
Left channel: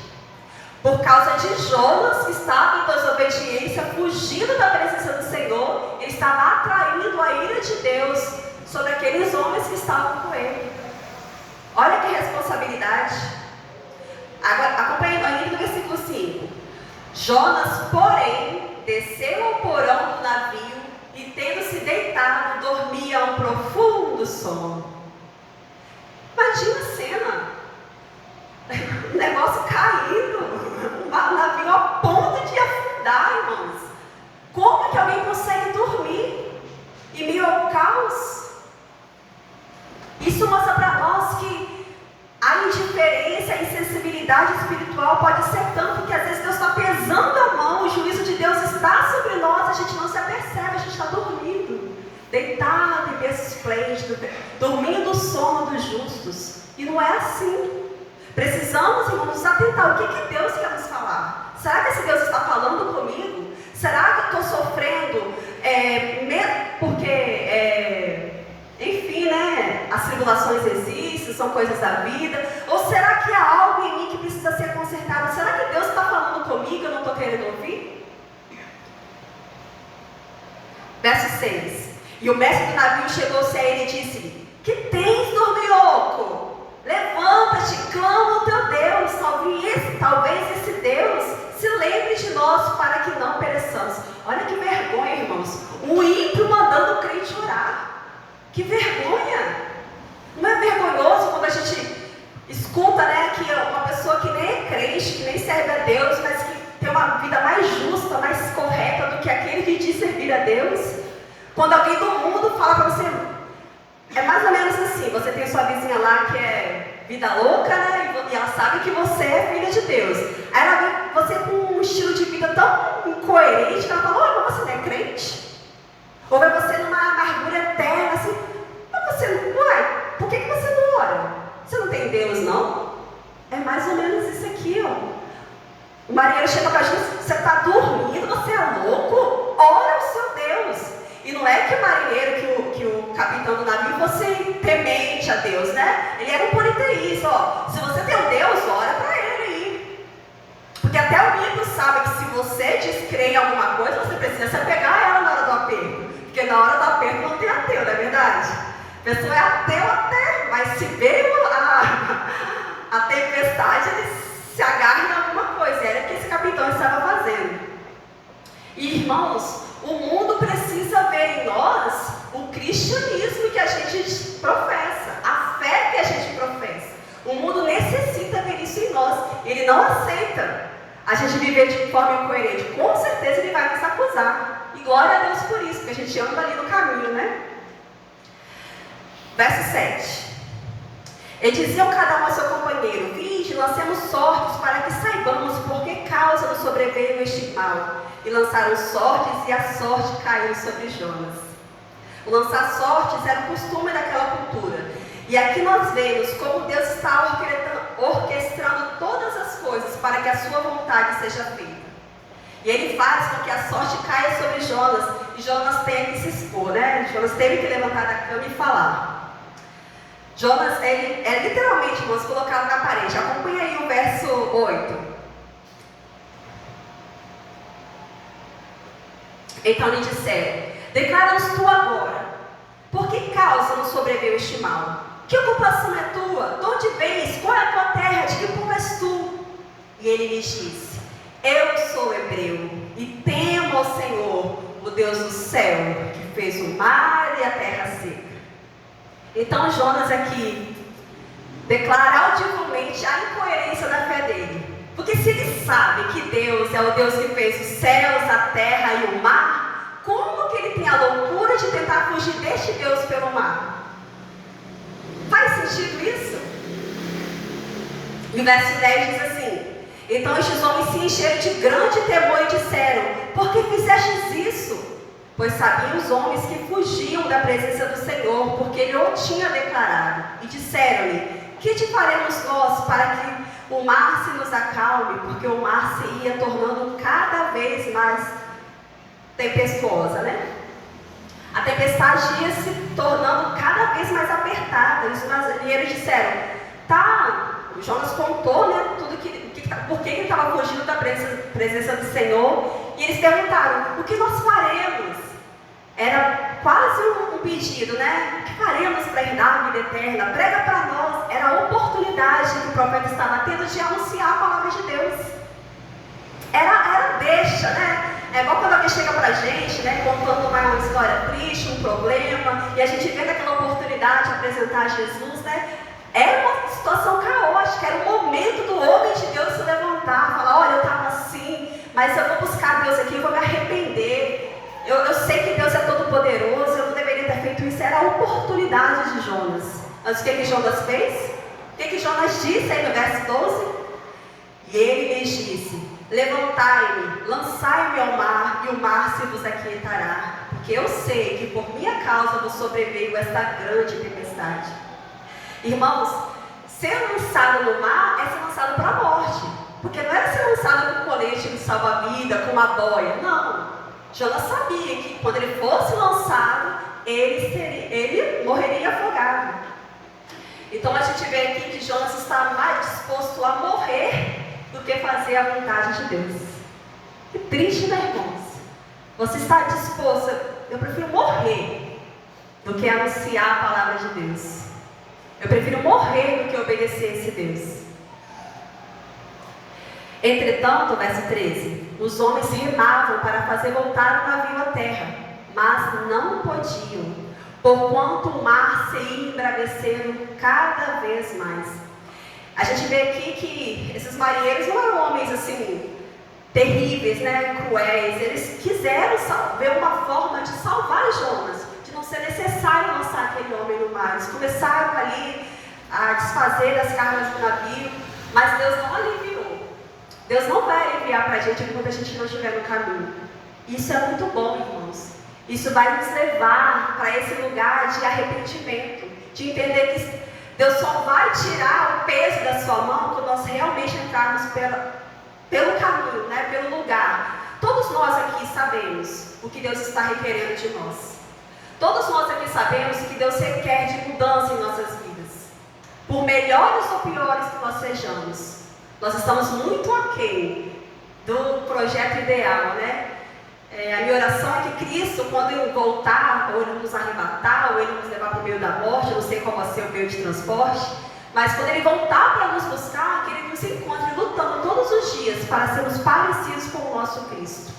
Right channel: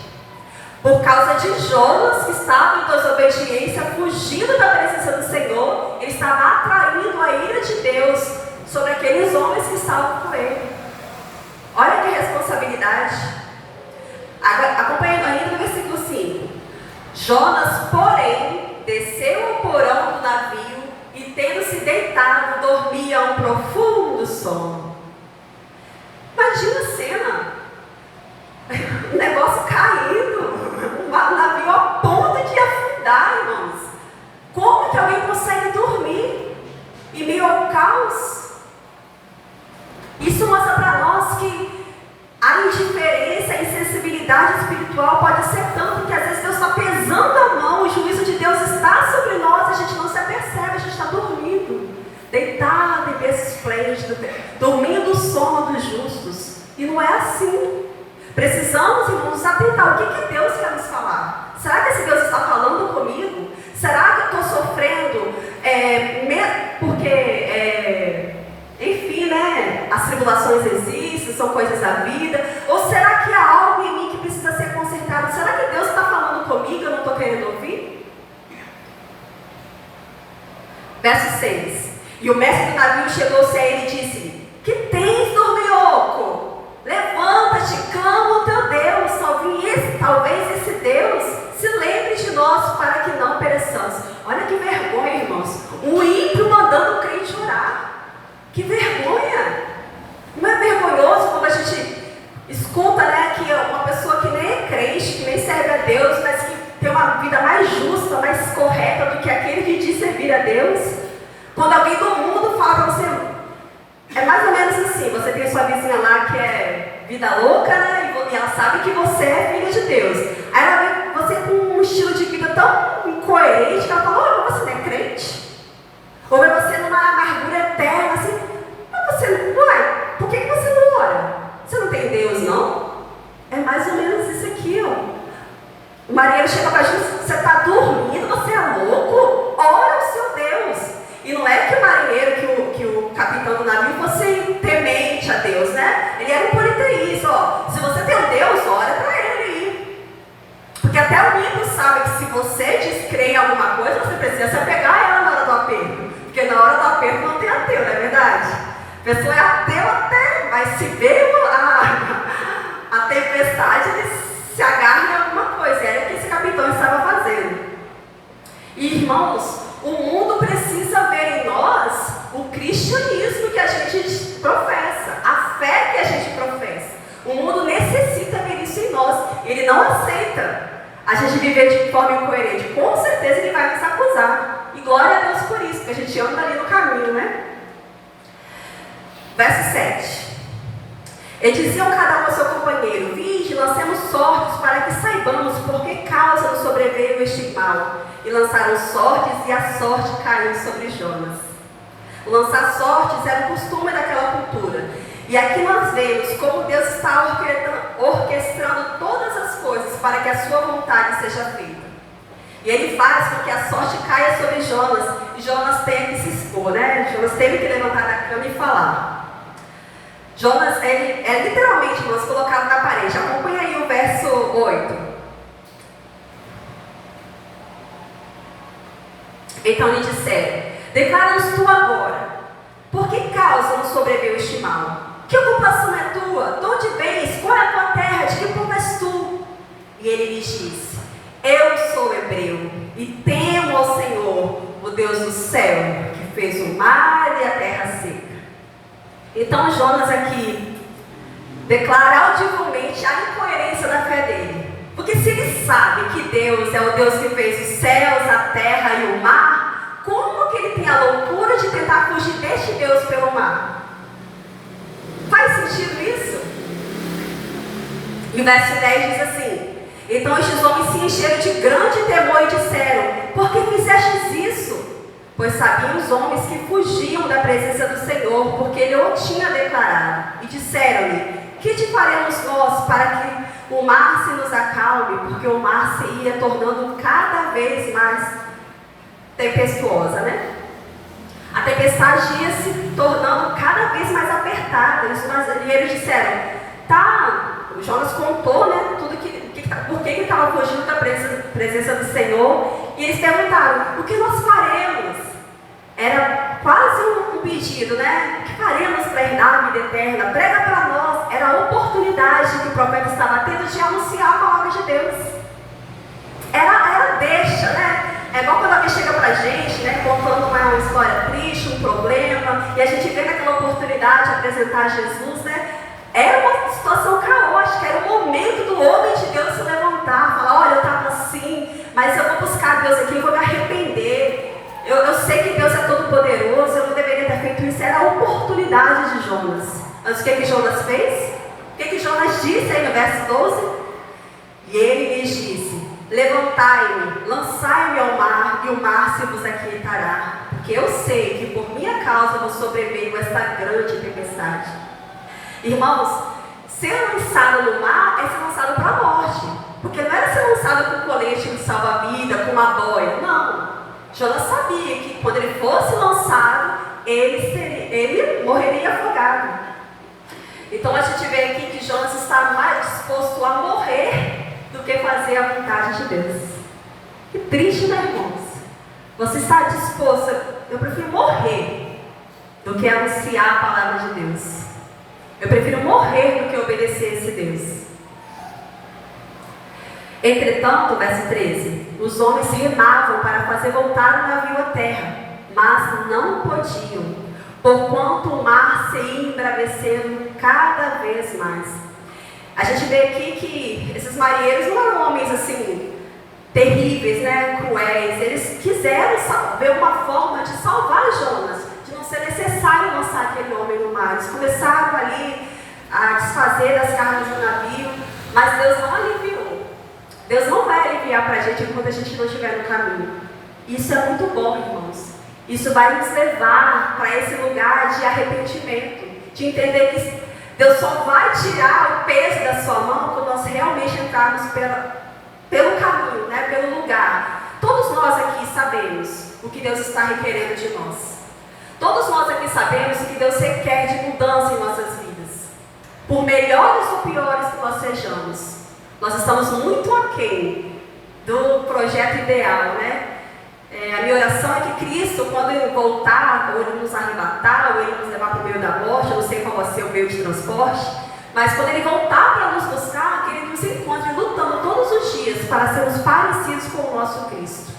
Por causa de Jonas, que estava em desobediência, fugindo da presença do Senhor, ele estava atraindo a ira de Deus sobre aqueles homens que estavam com ele. Olha que responsabilidade. Acompanhando ainda no versículo 5. Jonas, porém, desceu ao porão do navio e, tendo se deitado, dormia um profundo sono. Imagina a cena. O negócio caindo. O navio a ponto de afundar, irmãos. Como que alguém consegue dormir em meio ao caos? Isso mostra para nós que a indiferença, a insensibilidade espiritual pode ser tanto que às vezes Deus está pesando a mão, o juízo de Deus está sobre nós, a gente não se apercebe, a gente está dormindo, deitado em berço esplêndido, dormindo o sono dos justos. E não é assim. Precisamos, irmãos, nos atentar. O que Deus quer nos falar? Será que esse Deus está falando comigo? Será que eu estou sofrendo porque, enfim, né, as tribulações existem, são coisas da vida? Ou será que há algo em mim que precisa ser consertado? Será que Deus está falando comigo e eu não estou querendo ouvir? Verso 6. E o mestre do navio chegou-se a ele e disse-lhe: que tens, dorminhoco? Levanta-te, clama ao teu Deus, talvez esse Deus se lembre de nós para que não pereçamos. Olha que vergonha, irmãos. Um ímpio mandando o crente orar. Que vergonha! Não é vergonhoso quando a gente escuta, né, que uma pessoa que nem é crente, que nem serve a Deus, mas que tem uma vida mais justa, mais correta do que aquele que diz servir a Deus? Quando alguém do mundo fala para você: É mais ou menos assim, você tem sua vizinha lá que é vida louca, né? E ela sabe que você é filha de Deus. Aí ela vê você com um estilo de vida tão incoerente que ela fala, olha, você não é crente? Ou vê você numa amargura eterna, assim, mas você, uai, por que você não ora? Você não tem Deus, não? É mais ou menos isso aqui, ó. O marinheiro chega para Jesus, você está dormindo, você é louco? Ora ao seu Deus. E não é que o marinheiro, que o capitão do navio fosse temente a Deus, né? Ele era um politeísta, ó. Se você tem um Deus, ora para ele aí. Porque até o Bíblia sabe que se você diz crer em alguma coisa, você precisa se apegar a ela na hora do aperto. Porque na hora do aperto não tem ateu, não é verdade? A pessoa é ateu até, mas se veio a tempestade, ele se agarra em alguma coisa. Era o que esse capitão estava fazendo. E irmãos, o mundo precisa ver em nós o cristianismo que a gente professa, a fé que a gente professa. O mundo necessita ver isso em nós. Ele não aceita a gente viver de forma incoerente. Com certeza ele vai nos acusar. E glória a Deus por isso, porque a gente anda ali no caminho, né? Verso 7. E diziam cada um ao seu companheiro, vinde, lancemos sortes para que saibamos por que causa nos sobreveio este mal. E lançaram sortes, e a sorte caiu sobre Jonas. O lançar sortes era o costume daquela cultura. E aqui nós vemos como Deus está orquestrando todas as coisas para que a sua vontade seja feita. E ele faz com que a sorte caia sobre Jonas, e Jonas tenha que se expor, né? Jonas teve que levantar da cama e falar. Jonas, ele é literalmente, vamos colocá-lo na parede. Acompanha aí o verso 8. Então lhe disseram, declara-nos tu agora, por que causa nos sobreveio este mal? Que ocupação é tua? De onde vens? Qual é a tua terra? De que povo és tu? E ele lhes disse, eu sou hebreu, e temo ao Senhor, o Deus do céu, que fez o mar e a terra seca. Então Jonas aqui declara audivelmente a incoerência da fé dele. Porque se ele sabe que Deus é o Deus que fez os céus, a terra e o mar, como que ele tem a loucura de tentar fugir deste Deus pelo mar? Faz sentido isso? E o verso 10 diz assim, então estes homens se encheram de grande temor e disseram, por que fizestes isso? Pois sabiam os homens que fugiam da presença do Senhor, porque Ele o tinha declarado. E disseram-lhe, que te faremos nós para que o mar se nos acalme? Porque o mar se ia tornando cada vez mais tempestuosa, né? A tempestade ia se tornando cada vez mais apertada. E eles disseram, tá, o Jonas contou, né, tudo por que ele estava fugindo da presença do Senhor. E eles perguntaram, o que nós faremos? Era quase um pedido, né? O que faremos para herdar a vida eterna? Prega para nós. Era a oportunidade que o profeta estava tendo de anunciar a palavra de Deus. Era deixa, né? É igual quando alguém chega para a gente, né, contando uma história triste, um problema, e a gente vê naquela oportunidade de apresentar Jesus, né? Era uma situação caótica, era o momento do homem de Deus se levantar, falar, olha, eu estava assim, mas eu vou buscar Deus aqui, eu vou me arrepender. Eu sei que Deus é todo poderoso, eu não deveria ter feito isso. Era a oportunidade de Jonas. Mas o que Jonas fez? O que Jonas disse aí no verso 12? E ele lhes disse, levantai-me, lançai-me ao mar, e o mar se vos aquietará. Porque eu sei que por minha causa vos sobreveio esta grande tempestade. Irmãos, ser lançado no mar é ser lançado para a morte. Porque não era ser lançado com colete de salva-vida, com uma boia. Não. Jonas sabia que quando ele fosse lançado, ele morreria afogado. Então a gente vê aqui que Jonas está mais disposto a morrer do que fazer a vontade de Deus. Que triste, né, irmãos? Você está disposto, eu prefiro morrer do que anunciar a palavra de Deus. Eu prefiro morrer do que obedecer a esse Deus. Entretanto, verso 13, os homens remavam para fazer voltar o navio à terra, mas não podiam, porquanto o mar se ia embravecendo cada vez mais. A gente vê aqui que esses marinheiros não eram homens assim, terríveis, né, cruéis. Eles quiseram ver uma forma de salvar Jonas, de não ser necessário lançar aquele homem no mar. Eles começaram ali a desfazer as cargas do navio, mas Deus não aliviou. Deus não vai aliviar para a gente enquanto a gente não estiver no caminho. Isso é muito bom, irmãos. Isso vai nos levar para esse lugar de arrependimento, de entender que Deus só vai tirar o peso da sua mão quando nós realmente entrarmos pelo caminho, né, pelo lugar. Todos nós aqui sabemos o que Deus está requerendo de nós. Todos nós aqui sabemos o que Deus requer de mudança em nossas vidas. Por melhores ou piores que nós sejamos, nós estamos muito aquém do projeto ideal, né? A minha oração é que Cristo, quando Ele voltar, ou Ele nos arrebatar, ou Ele nos levar para o meio da morte, eu não sei qual vai ser o meio de transporte, mas quando Ele voltar para nos buscar, que Ele nos encontre lutando todos os dias para sermos parecidos com o nosso Cristo.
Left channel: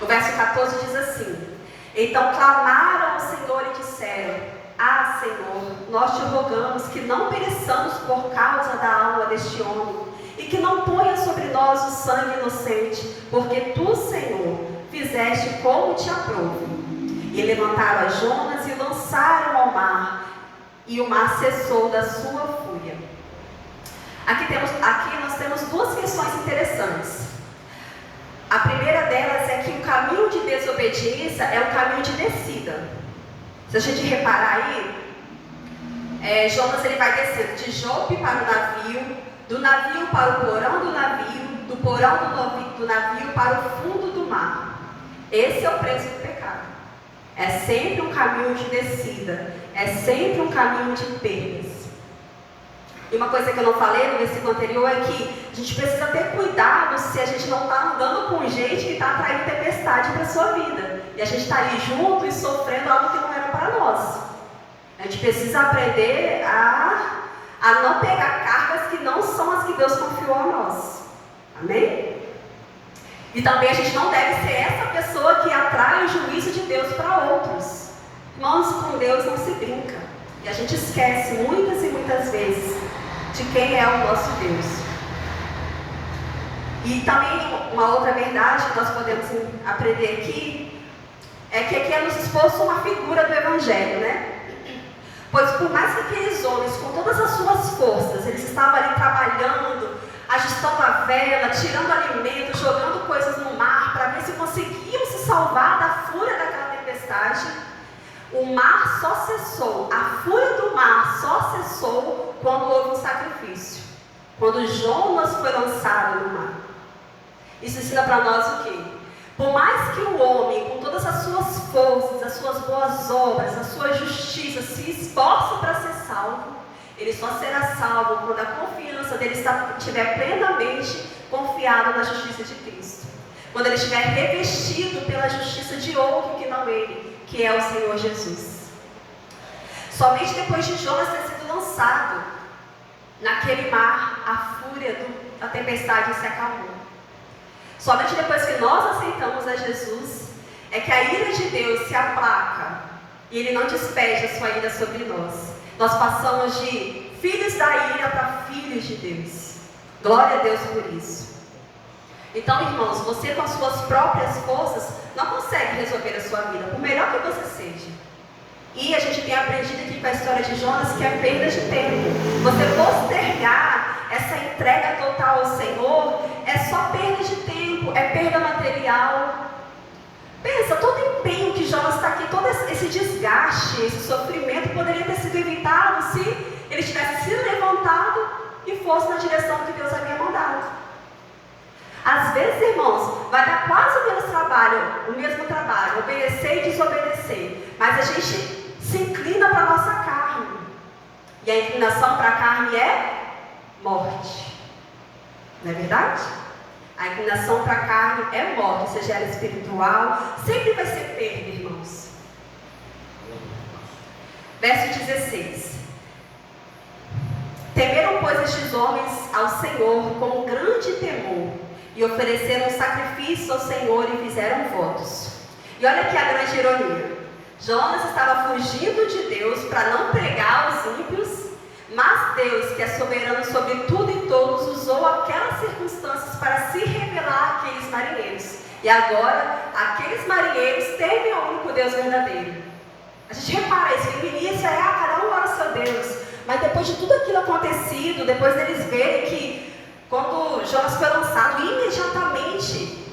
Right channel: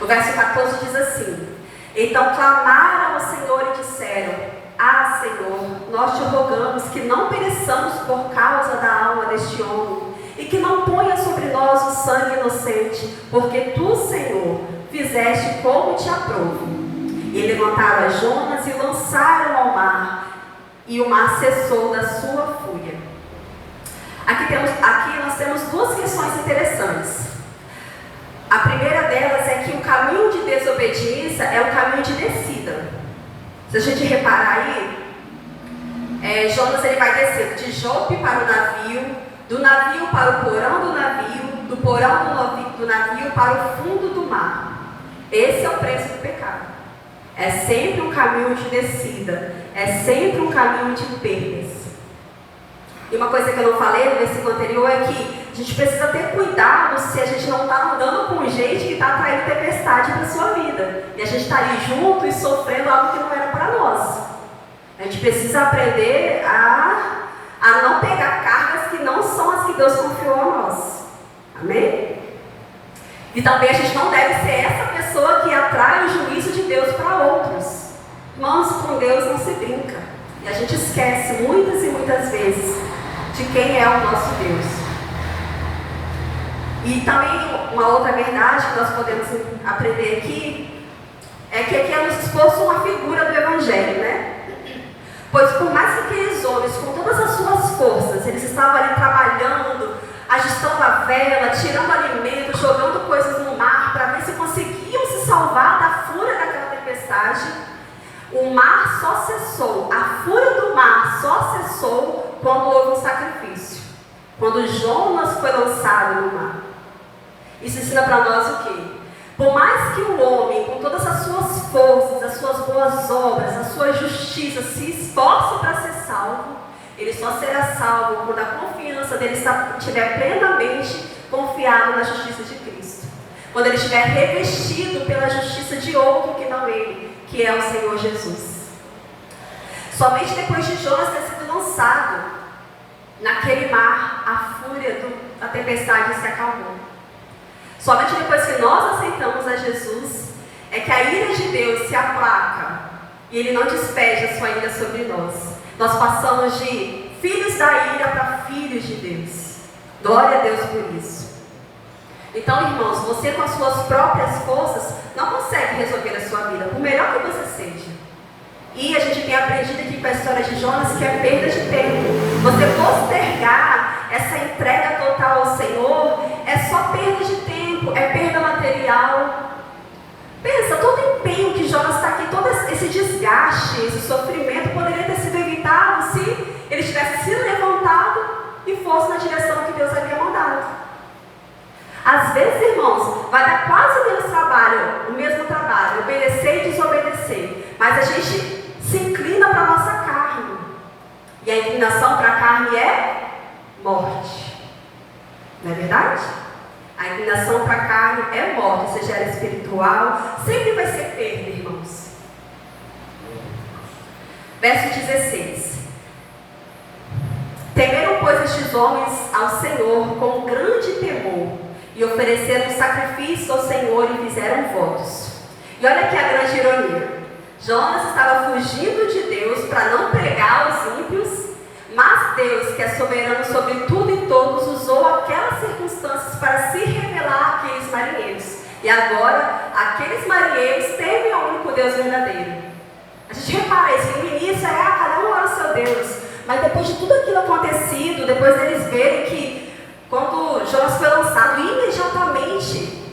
O verso 14 diz assim: então clamaram ao Senhor e disseram: ah, Senhor, nós te rogamos que não pereçamos por causa da alma deste homem, e que não ponha sobre nós o sangue inocente, porque tu, Senhor, fizeste como te aprouve. E levantaram a Jonas e lançaram ao mar, e o mar cessou da sua fúria. Aqui nós temos duas questões interessantes. A primeira delas é que o caminho de desobediência é o caminho de descida. Se a gente reparar aí, Jonas ele vai descer de Jope para o navio, do navio para o porão do navio, do porão do navio para o fundo do mar. Esse é o preço do pecado. É sempre um caminho de descida, é sempre um caminho de perdas. E uma coisa que eu não falei no versículo anterior é que a gente precisa ter cuidado se a gente não está andando com gente que está traindo tempestade para a sua vida. E a gente está ali junto e sofrendo algo que não era para nós. A gente precisa aprender a não pegar cargas que não são as que Deus confiou a nós. Amém? E também a gente não deve ser essa pessoa que atrai o juízo de Deus para outros. Irmãos, com Deus não se brinca. E a gente esquece muitas e muitas vezes de quem é o nosso Deus. E também uma outra verdade que nós podemos aprender aqui é que aqui é nos exposto uma figura do Evangelho, né? Pois por mais que aqueles homens, com todas as suas forças, eles estavam ali trabalhando, ajustando a vela, tirando alimento, jogando coisas no mar para ver se conseguiam se salvar da fúria daquela tempestade, o mar só cessou, a fúria do mar só cessou quando houve um sacrifício, quando Jonas foi lançado no mar. Isso ensina para nós o quê? Por mais que o homem, com todas as suas forças, as suas boas obras, a sua justiça, se esforce para ser salvo, ele só será salvo quando a confiança dele estiver plenamente confiado na justiça de Cristo. Quando ele estiver revestido pela justiça de outro que não ele, que é o Senhor Jesus. Somente depois de Jonas ter sido lançado naquele mar, a fúria da tempestade se acalmou. Somente depois que nós aceitamos a Jesus, é que a ira de Deus se aplaca e Ele não despede a sua ira sobre nós. Nós passamos de filhos da ira para filhos de Deus. Glória a Deus por isso. Então, irmãos, você com as suas próprias forças não consegue resolver a sua vida, por melhor que você seja. E a gente tem aprendido aqui com a história de Jonas que é perda de tempo. Você postergar essa entrega total ao Senhor é só perda de tempo, é perda material. Pensa, todo o empenho que Jonas está aqui, todo esse desgaste, esse sofrimento poderia ter sido evitado se ele tivesse se levantado e fosse na direção que Deus havia mandado. Às vezes, irmãos, vai dar quase o mesmo trabalho, obedecer e desobedecer, mas a gente se inclina para a nossa carne, e a inclinação para a carne é morte, não é verdade? A inclinação para a carne é morte, seja ela espiritual, sempre vai ser perda, irmãos. Verso 16: temeram, pois, estes homens ao Senhor com grande temor, e ofereceram sacrifício ao Senhor e fizeram votos. E olha aqui a grande ironia. Jonas estava fugindo de Deus para não pregar aos ímpios, mas Deus, que é soberano sobre tudo e todos, usou aquelas circunstâncias para se revelar àqueles marinheiros. E agora, aqueles marinheiros temem ao único Deus verdadeiro. A gente repara isso, no início cada um era o seu Deus. Mas depois de tudo aquilo acontecido, depois deles verem que quando Jonas foi lançado, imediatamente,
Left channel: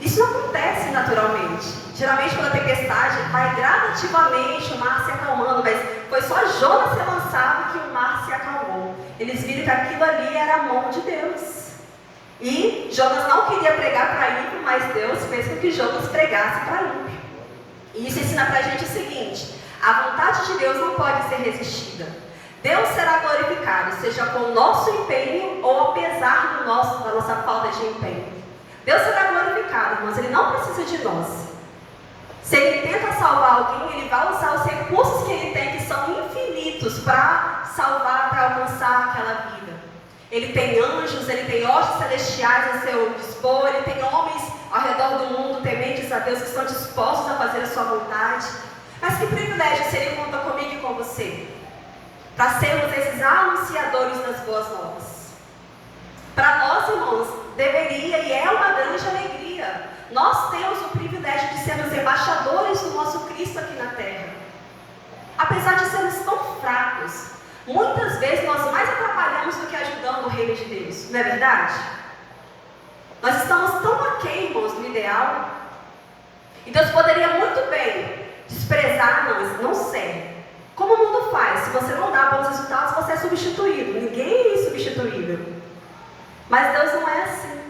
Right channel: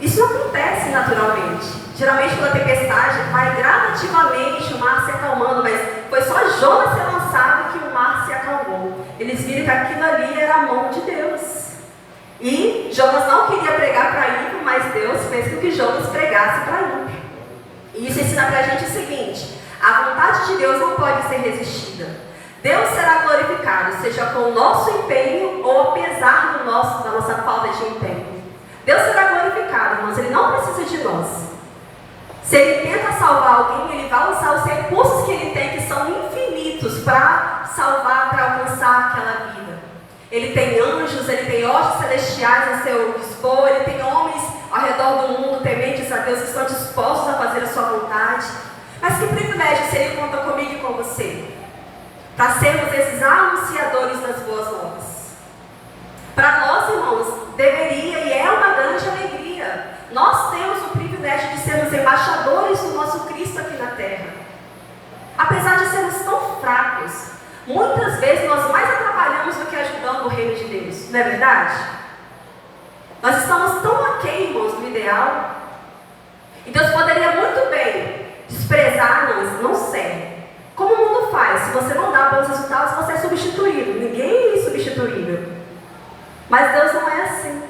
isso não acontece naturalmente. Geralmente pela tempestade vai gradativamente o mar se acalmando, mas foi só Jonas ser lançado que o mar se acalmou. Eles viram que aquilo ali era a mão de Deus. E Jonas não queria pregar para ímpio, mas Deus fez com que Jonas pregasse para ímpio. E isso ensina para a gente o seguinte: a vontade de Deus não pode ser resistida. Deus será glorificado, seja com o nosso empenho ou apesar da nossa falta de empenho. Deus será glorificado, irmãos, Ele não precisa de nós. Se Ele tenta salvar alguém, Ele vai usar os recursos que Ele tem, que são infinitos, para salvar, para alcançar aquela vida. Ele tem anjos, Ele tem hostes celestiais a seu dispor, Ele tem homens ao redor do mundo, tementes a Deus, que estão dispostos a fazer a sua vontade. Mas que privilégio se Ele conta comigo e com você, para sermos esses anunciadores das boas novas. Para nós, irmãos, deveria e é uma grande alegria. Nós temos o privilégio de sermos embaixadores do nosso Cristo aqui na terra. Apesar de sermos tão fracos, muitas vezes nós mais atrapalhamos do que ajudando o reino de Deus. Não é verdade? Nós estamos tão aquém, irmãos, do ideal. E Deus poderia muito bem desprezar nós, não serve. Como o mundo faz? Se você não dá bons resultados, você é substituído. Ninguém é insubstituível. Mas Deus não é assim.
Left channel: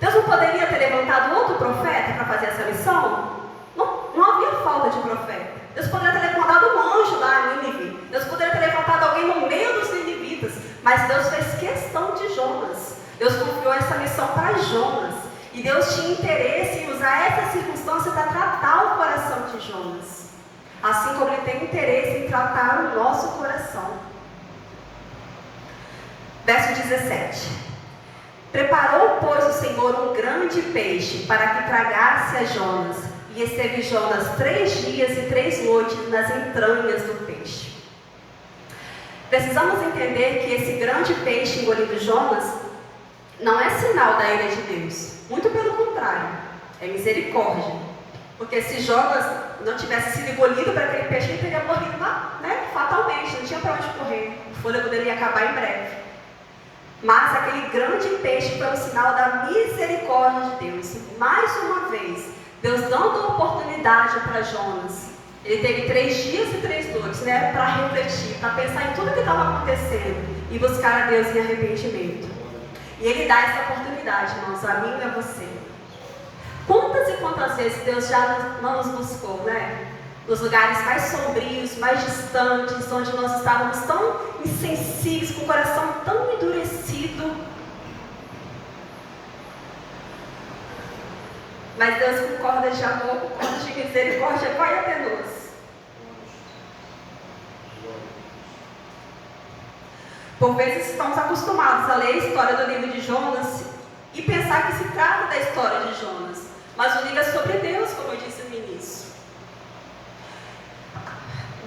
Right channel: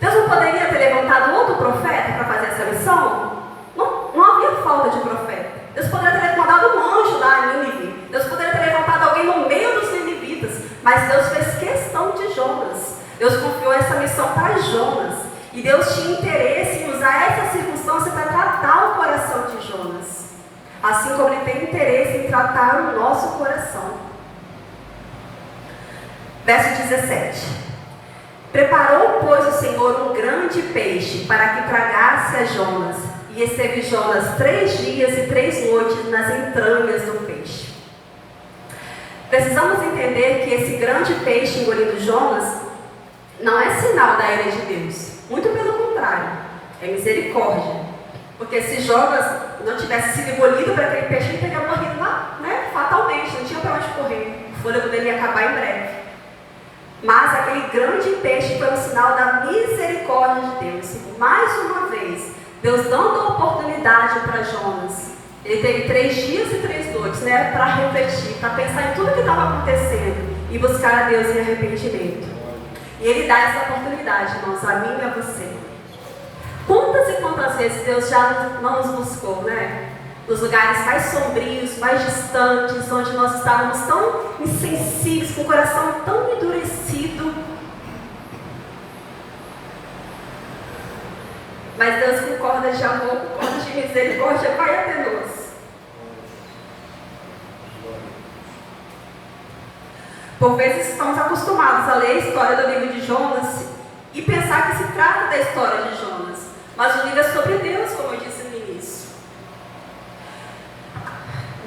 Deus não poderia ter levantado outro profeta para fazer essa missão? Não havia falta de profeta. Deus poderia ter levantado um anjo lá em Nínive. Deus poderia ter levantado alguém no meio dos ninivitas. Mas Deus fez questão de Jonas. Deus confiou essa missão para Jonas. E Deus tinha interesse em usar essa circunstância para tratar o coração de Jonas. Assim como Ele tem interesse em tratar o nosso coração. Verso 17. Preparou, pois, o Senhor um grande peixe para que tragasse a Jonas, e esteve Jonas 3 dias e 3 noites nas entranhas do peixe. Precisamos entender que esse grande peixe engolindo Jonas não é sinal da ira de Deus. Muito pelo contrário, é misericórdia. Porque se Jonas não tivesse sido engolido por aquele peixe, ele teria morrido lá, fatalmente, não tinha para onde correr. O fôlego dele ia acabar em breve. Mas aquele grande peixe foi um sinal da misericórdia de Deus. E mais uma vez, Deus dando a oportunidade para Jonas. Ele teve 3 dias e 3 noites, para refletir, para pensar em tudo que estava acontecendo e buscar a Deus em arrependimento. E Ele dá essa oportunidade, irmãos, a mim e a você. Quantas e quantas vezes Deus já não nos buscou, nos lugares mais sombrios, mais distantes, onde nós estávamos tão insensíveis, com o coração tão endurecido. Mas Deus, com cordas de amor, com cordas de misericórdia, vai até nós. Por vezes estamos acostumados a ler a história do livro de Jonas e pensar que se trata da história de Jonas. Mas o livro é sobre Deus, como eu disse no início.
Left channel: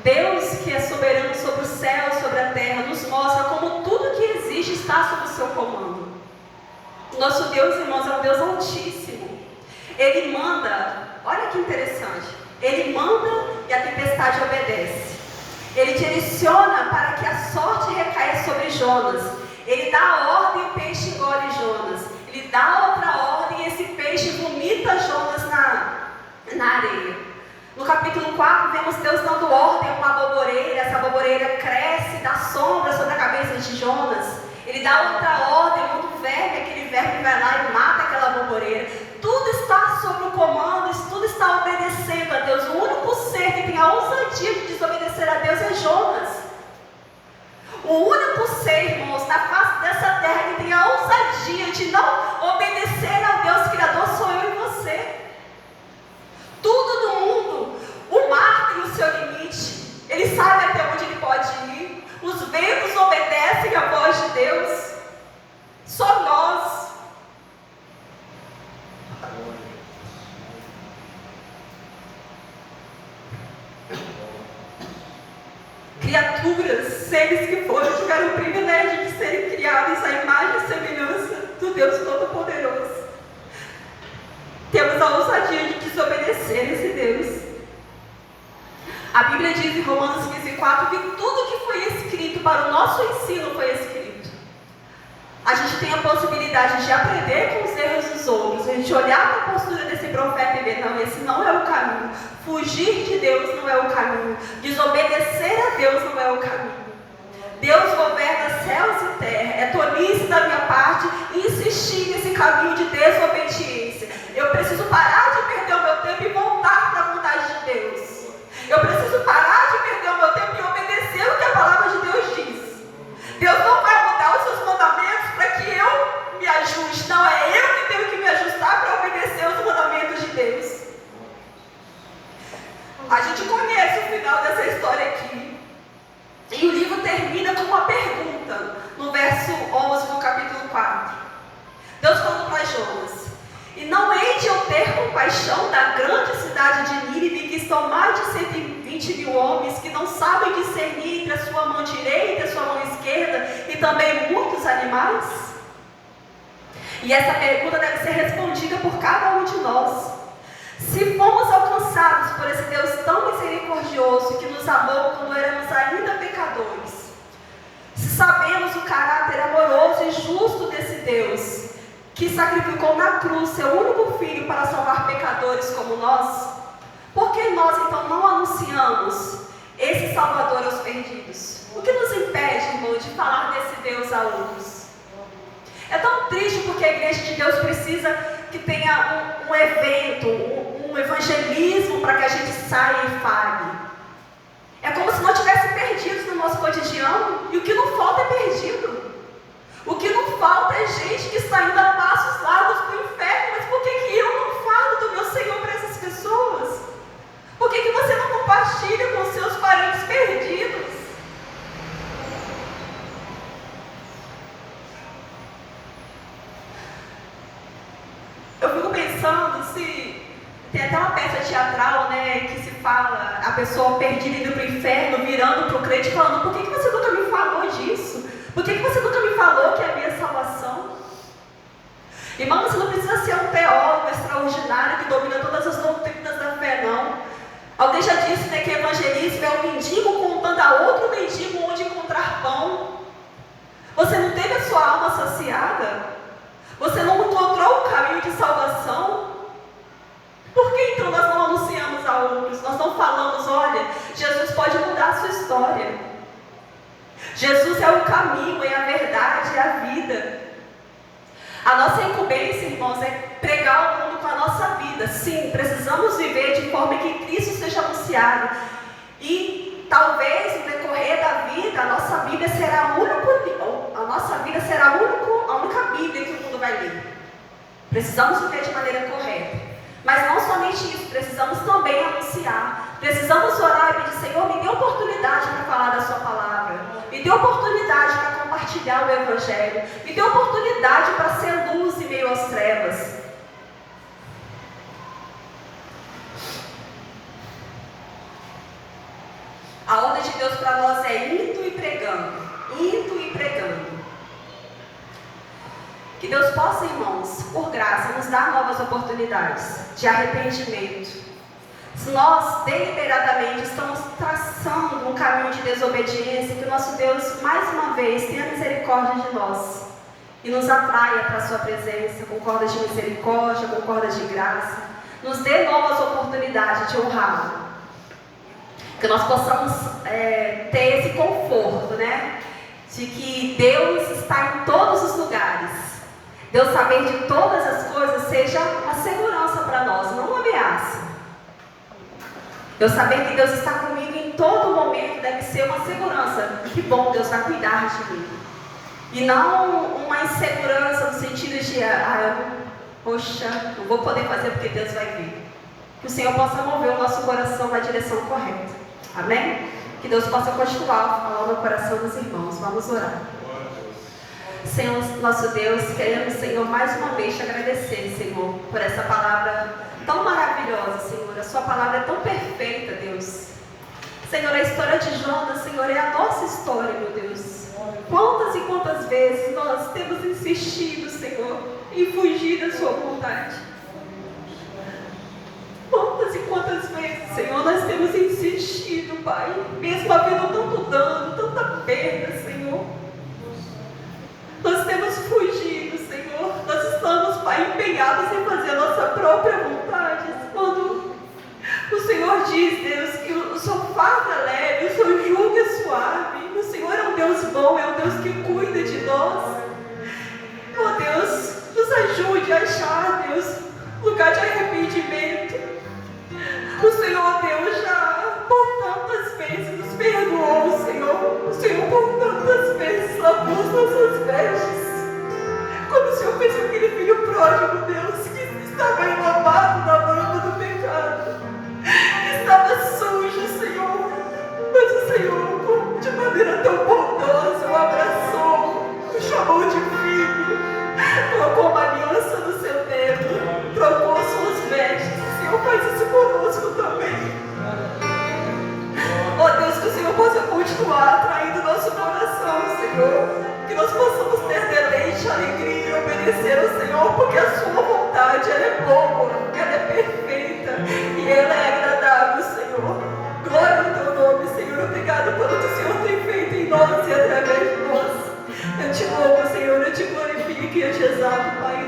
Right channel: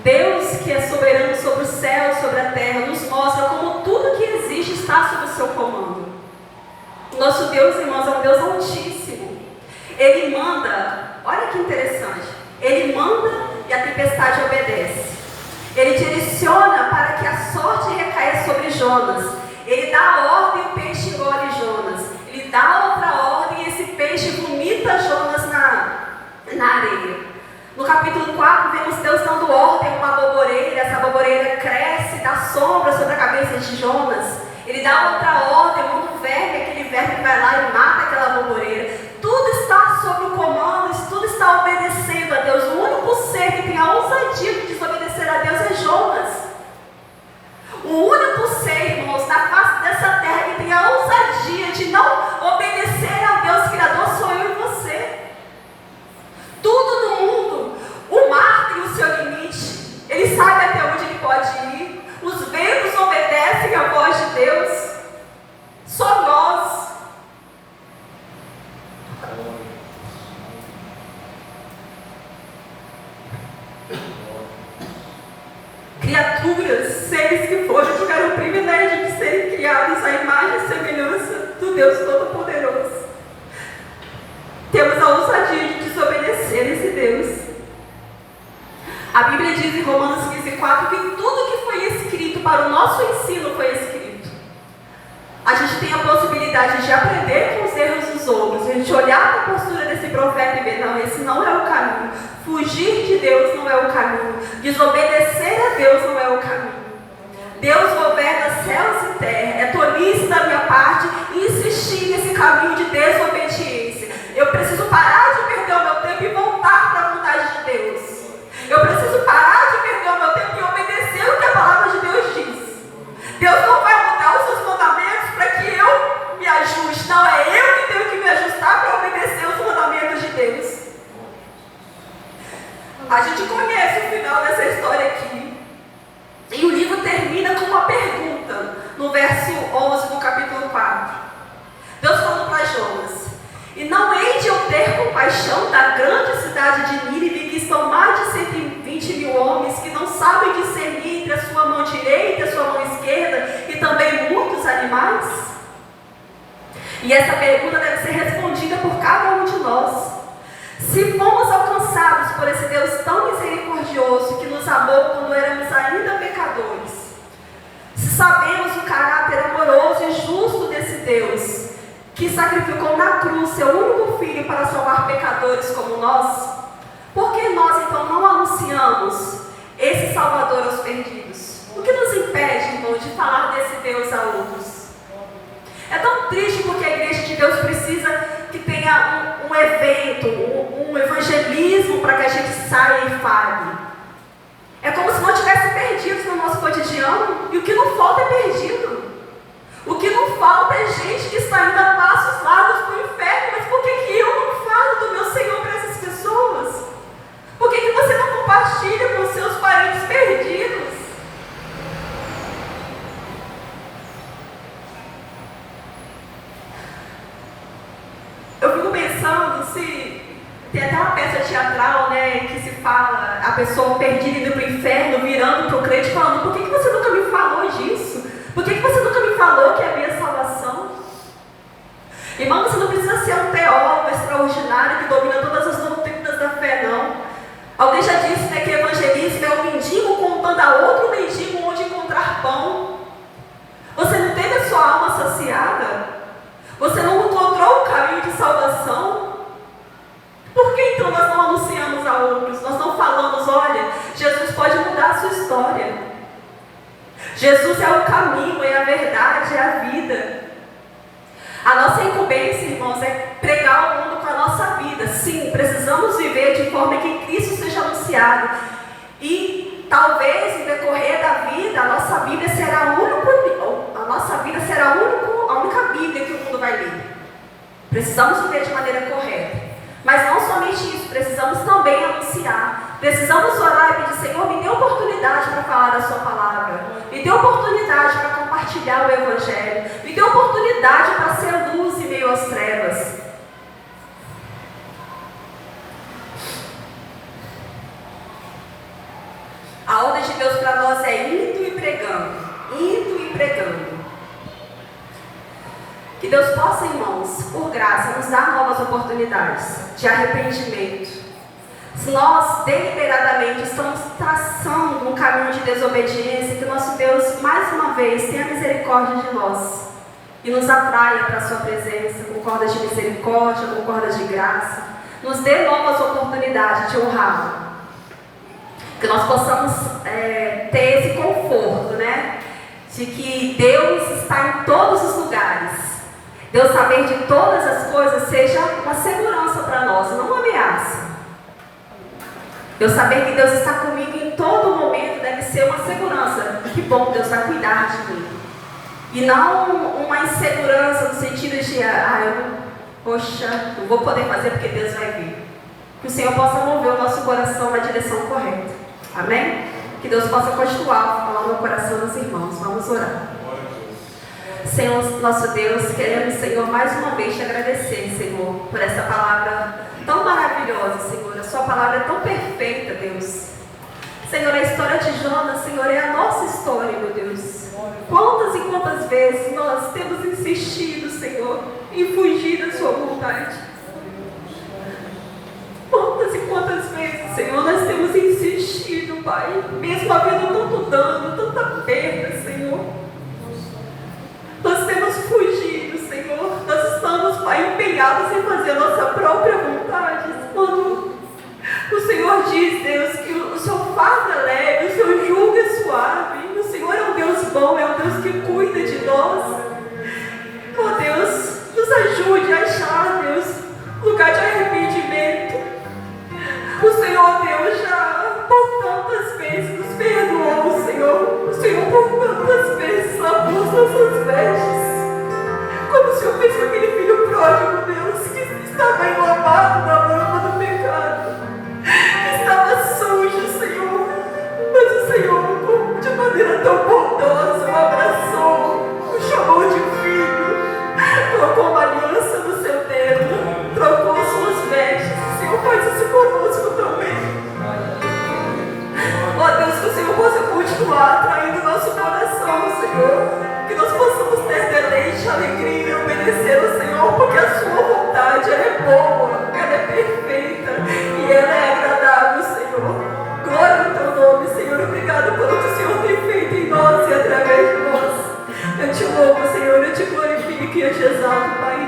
Deus, que é soberano sobre o céu, sobre a terra, nos mostra como tudo que existe está sob o seu comando. O nosso Deus, irmãos, é um Deus altíssimo. Ele manda, olha que interessante, Ele manda e a tempestade obedece. Ele direciona para que a sorte recaia sobre Jonas. Ele dá a ordem e o peixe engole Jonas. Ele dá outra ordem e esse peixe vomita Jonas na areia. No capítulo 4, vemos Deus dando ordem a uma boboreira. Essa boboreira cresce, dá sombra sobre a cabeça de Jonas. Ele dá outra ordem, muda o verme, aquele verme vai lá e mata aquela boboreira. Tudo está sob o comando, tudo está obedecendo a Deus. O único ser que tem a ousadia de desobedecer a Deus é Jonas. O único ser, irmãos, na face dessa terra que tem a ousadia de não obedecer a Deus Criador sou eu e você. Tudo no mundo, o mar tem o seu limite, ele sabe até onde ele pode ir, os ventos obedecem à voz de Deus, só nós. Criaturas, seres que foram tiveram o privilégio de serem criados à imagem e semelhança do Deus Todo-Poderoso. Temos a ousadia de desobedecer esse Deus. A Bíblia oportunidade de aprender com os erros dos outros, a gente olhar para a postura desse profeta e ver, não, esse não é o caminho. Fugir de Deus não é o caminho. Desobedecer a Deus não é o caminho. Deus governa céus e terra. É tolice da minha parte insistir nesse caminho de desobediência. Eu preciso parar de perder o meu tempo e voltar para a vontade de Deus. Eu preciso parar de perder o meu tempo e obedecer o que a palavra de Deus diz. Deus não vai mudar os seus mandamentos para que eu me ajuste. Não, é eu que tenho que me ajustar para obedecer os mandamentos de Deus. A gente conhece o final dessa história aqui. E o livro termina com uma pergunta, no verso 11 do capítulo 4. Deus falando para Jonas: e não hei de eu ter compaixão da grande cidade de Nínive, que estão mais de 120 mil homens, que não sabem discernir entre a sua mão direita e a sua mão esquerda, e também muitos animais? E essa pergunta deve ser respondida por cada um de nós. Se fomos alcançados por esse Deus tão misericordioso, que nos amou quando éramos ainda pecadores, se sabemos o caráter amoroso e justo desse Deus, que sacrificou na cruz seu único filho para salvar pecadores como nós, por que nós então não anunciamos esse Salvador aos perdidos? O que nos impede, irmão, de falar desse Deus a outros? É tão triste porque a igreja de Deus precisa que tenha um evento, um evangelismo para que a gente saia e fale. É como se não tivesse perdidos no nosso cotidiano, e o que não falta é perdido. O que não falta é gente que está indo a passos largos para o inferno. Mas por que eu não falo do meu Senhor para essas pessoas? Por que você não compartilha com os seus parentes perdidos? Eu fico pensando se... Tem até uma peça teatral, né, que se fala a pessoa perdida indo para o inferno, virando para o crente, falando: por que você nunca me falou disso? Por que você nunca me falou que é a minha salvação? Irmão, você não precisa ser um teólogo extraordinário que domina todas as doutrinas da fé, não. Alguém já disse, né, que evangelismo é um mendigo contando a outro mendigo onde encontrar pão. Você não teve a sua alma saciada? Você não encontrou o caminho de salvação? Por que então nós não anunciamos a outros? Nós não falamos: olha, Jesus pode mudar a sua história. Jesus é o caminho, é a verdade, é a vida. A nossa incumbência, irmãos, é pregar o mundo com a nossa vida. Sim, precisamos viver de forma que Cristo seja anunciado. E talvez, no decorrer da vida, a nossa Bíblia será a única Bíblia que o mundo vai ler. Precisamos viver de maneira correta. Mas não somente isso, precisamos também anunciar. Precisamos orar e pedir: Senhor, me dê oportunidade para falar da sua palavra. Me dê oportunidade para compartilhar o Evangelho. Me dê oportunidade para ser luz em meio às trevas. A ordem de Deus para nós é indo e pregando. Indo e pregando. Que Deus possa, irmãos, por graça, nos dar novas oportunidades de arrependimento. Se nós deliberadamente estamos traçando um caminho de desobediência, que o nosso Deus, mais uma vez, tenha misericórdia de nós e nos atraia para a sua presença com cordas de misericórdia, com cordas de graça. Nos dê novas oportunidades de honrá-lo. Que nós possamos ter esse conforto, né? De que Deus está em todos os lugares. Deus saber de todas as coisas seja uma segurança para nós, não uma ameaça. Eu saber que Deus está comigo em todo momento deve ser uma segurança. Que bom, Deus vai cuidar de mim. E não uma insegurança no sentido de: poxa, não vou poder fazer porque Deus vai vir. Que o Senhor possa mover o nosso coração na direção correta. Amém? Que Deus possa continuar a falar no coração dos irmãos. Vamos orar. Senhor, nosso Deus, queremos, Senhor, mais uma vez te agradecer, Senhor, por essa palavra tão maravilhosa, Senhor. A sua palavra é tão perfeita, Deus. Senhor, a história de Jonas, Senhor, é a nossa história, meu Deus. Quantas e quantas vezes nós temos insistido, Senhor, em fugir da sua vontade. Quantas e quantas vezes, Senhor, nós temos insistido, Pai, mesmo havendo tanto dano, tanta perda, Senhor. Nós temos fugido, Senhor, própria vontade. Quando o Senhor diz, Deus, que o seu fardo é leve, o seu jugo é suave. O Senhor é um Deus bom, é um Deus que cuida de nós. Oh Deus, nos ajude a achar, Deus, lugar de arrependimento. O Senhor, Deus, já por tantas vezes nos perdoou, Senhor. O Senhor por tantas vezes lavou as nossas vestes. Como o Senhor fez com aquele filho pródigo, Deus, que estava enlambado na lama do pecado, que estava sujo, Senhor. Mas o Senhor, de maneira tão bondosa, o abraçou, o chamou de filho, trocou uma aliança no seu dedo, trocou suas vestes. O Senhor faz isso conosco também. Ó Deus, que o Senhor possa continuar atraindo nosso coração, Senhor. Que nós possamos ter deleite, alegria e obedecer ao Senhor, porque a sua vontade ela é boa, ela é perfeita e ela é agradável, Senhor. Glória ao teu nome, Senhor. Obrigado pelo que o Senhor tem feito em nós e através de nós. Eu te louvo, Senhor, eu te glorifico e eu te exalto, Pai.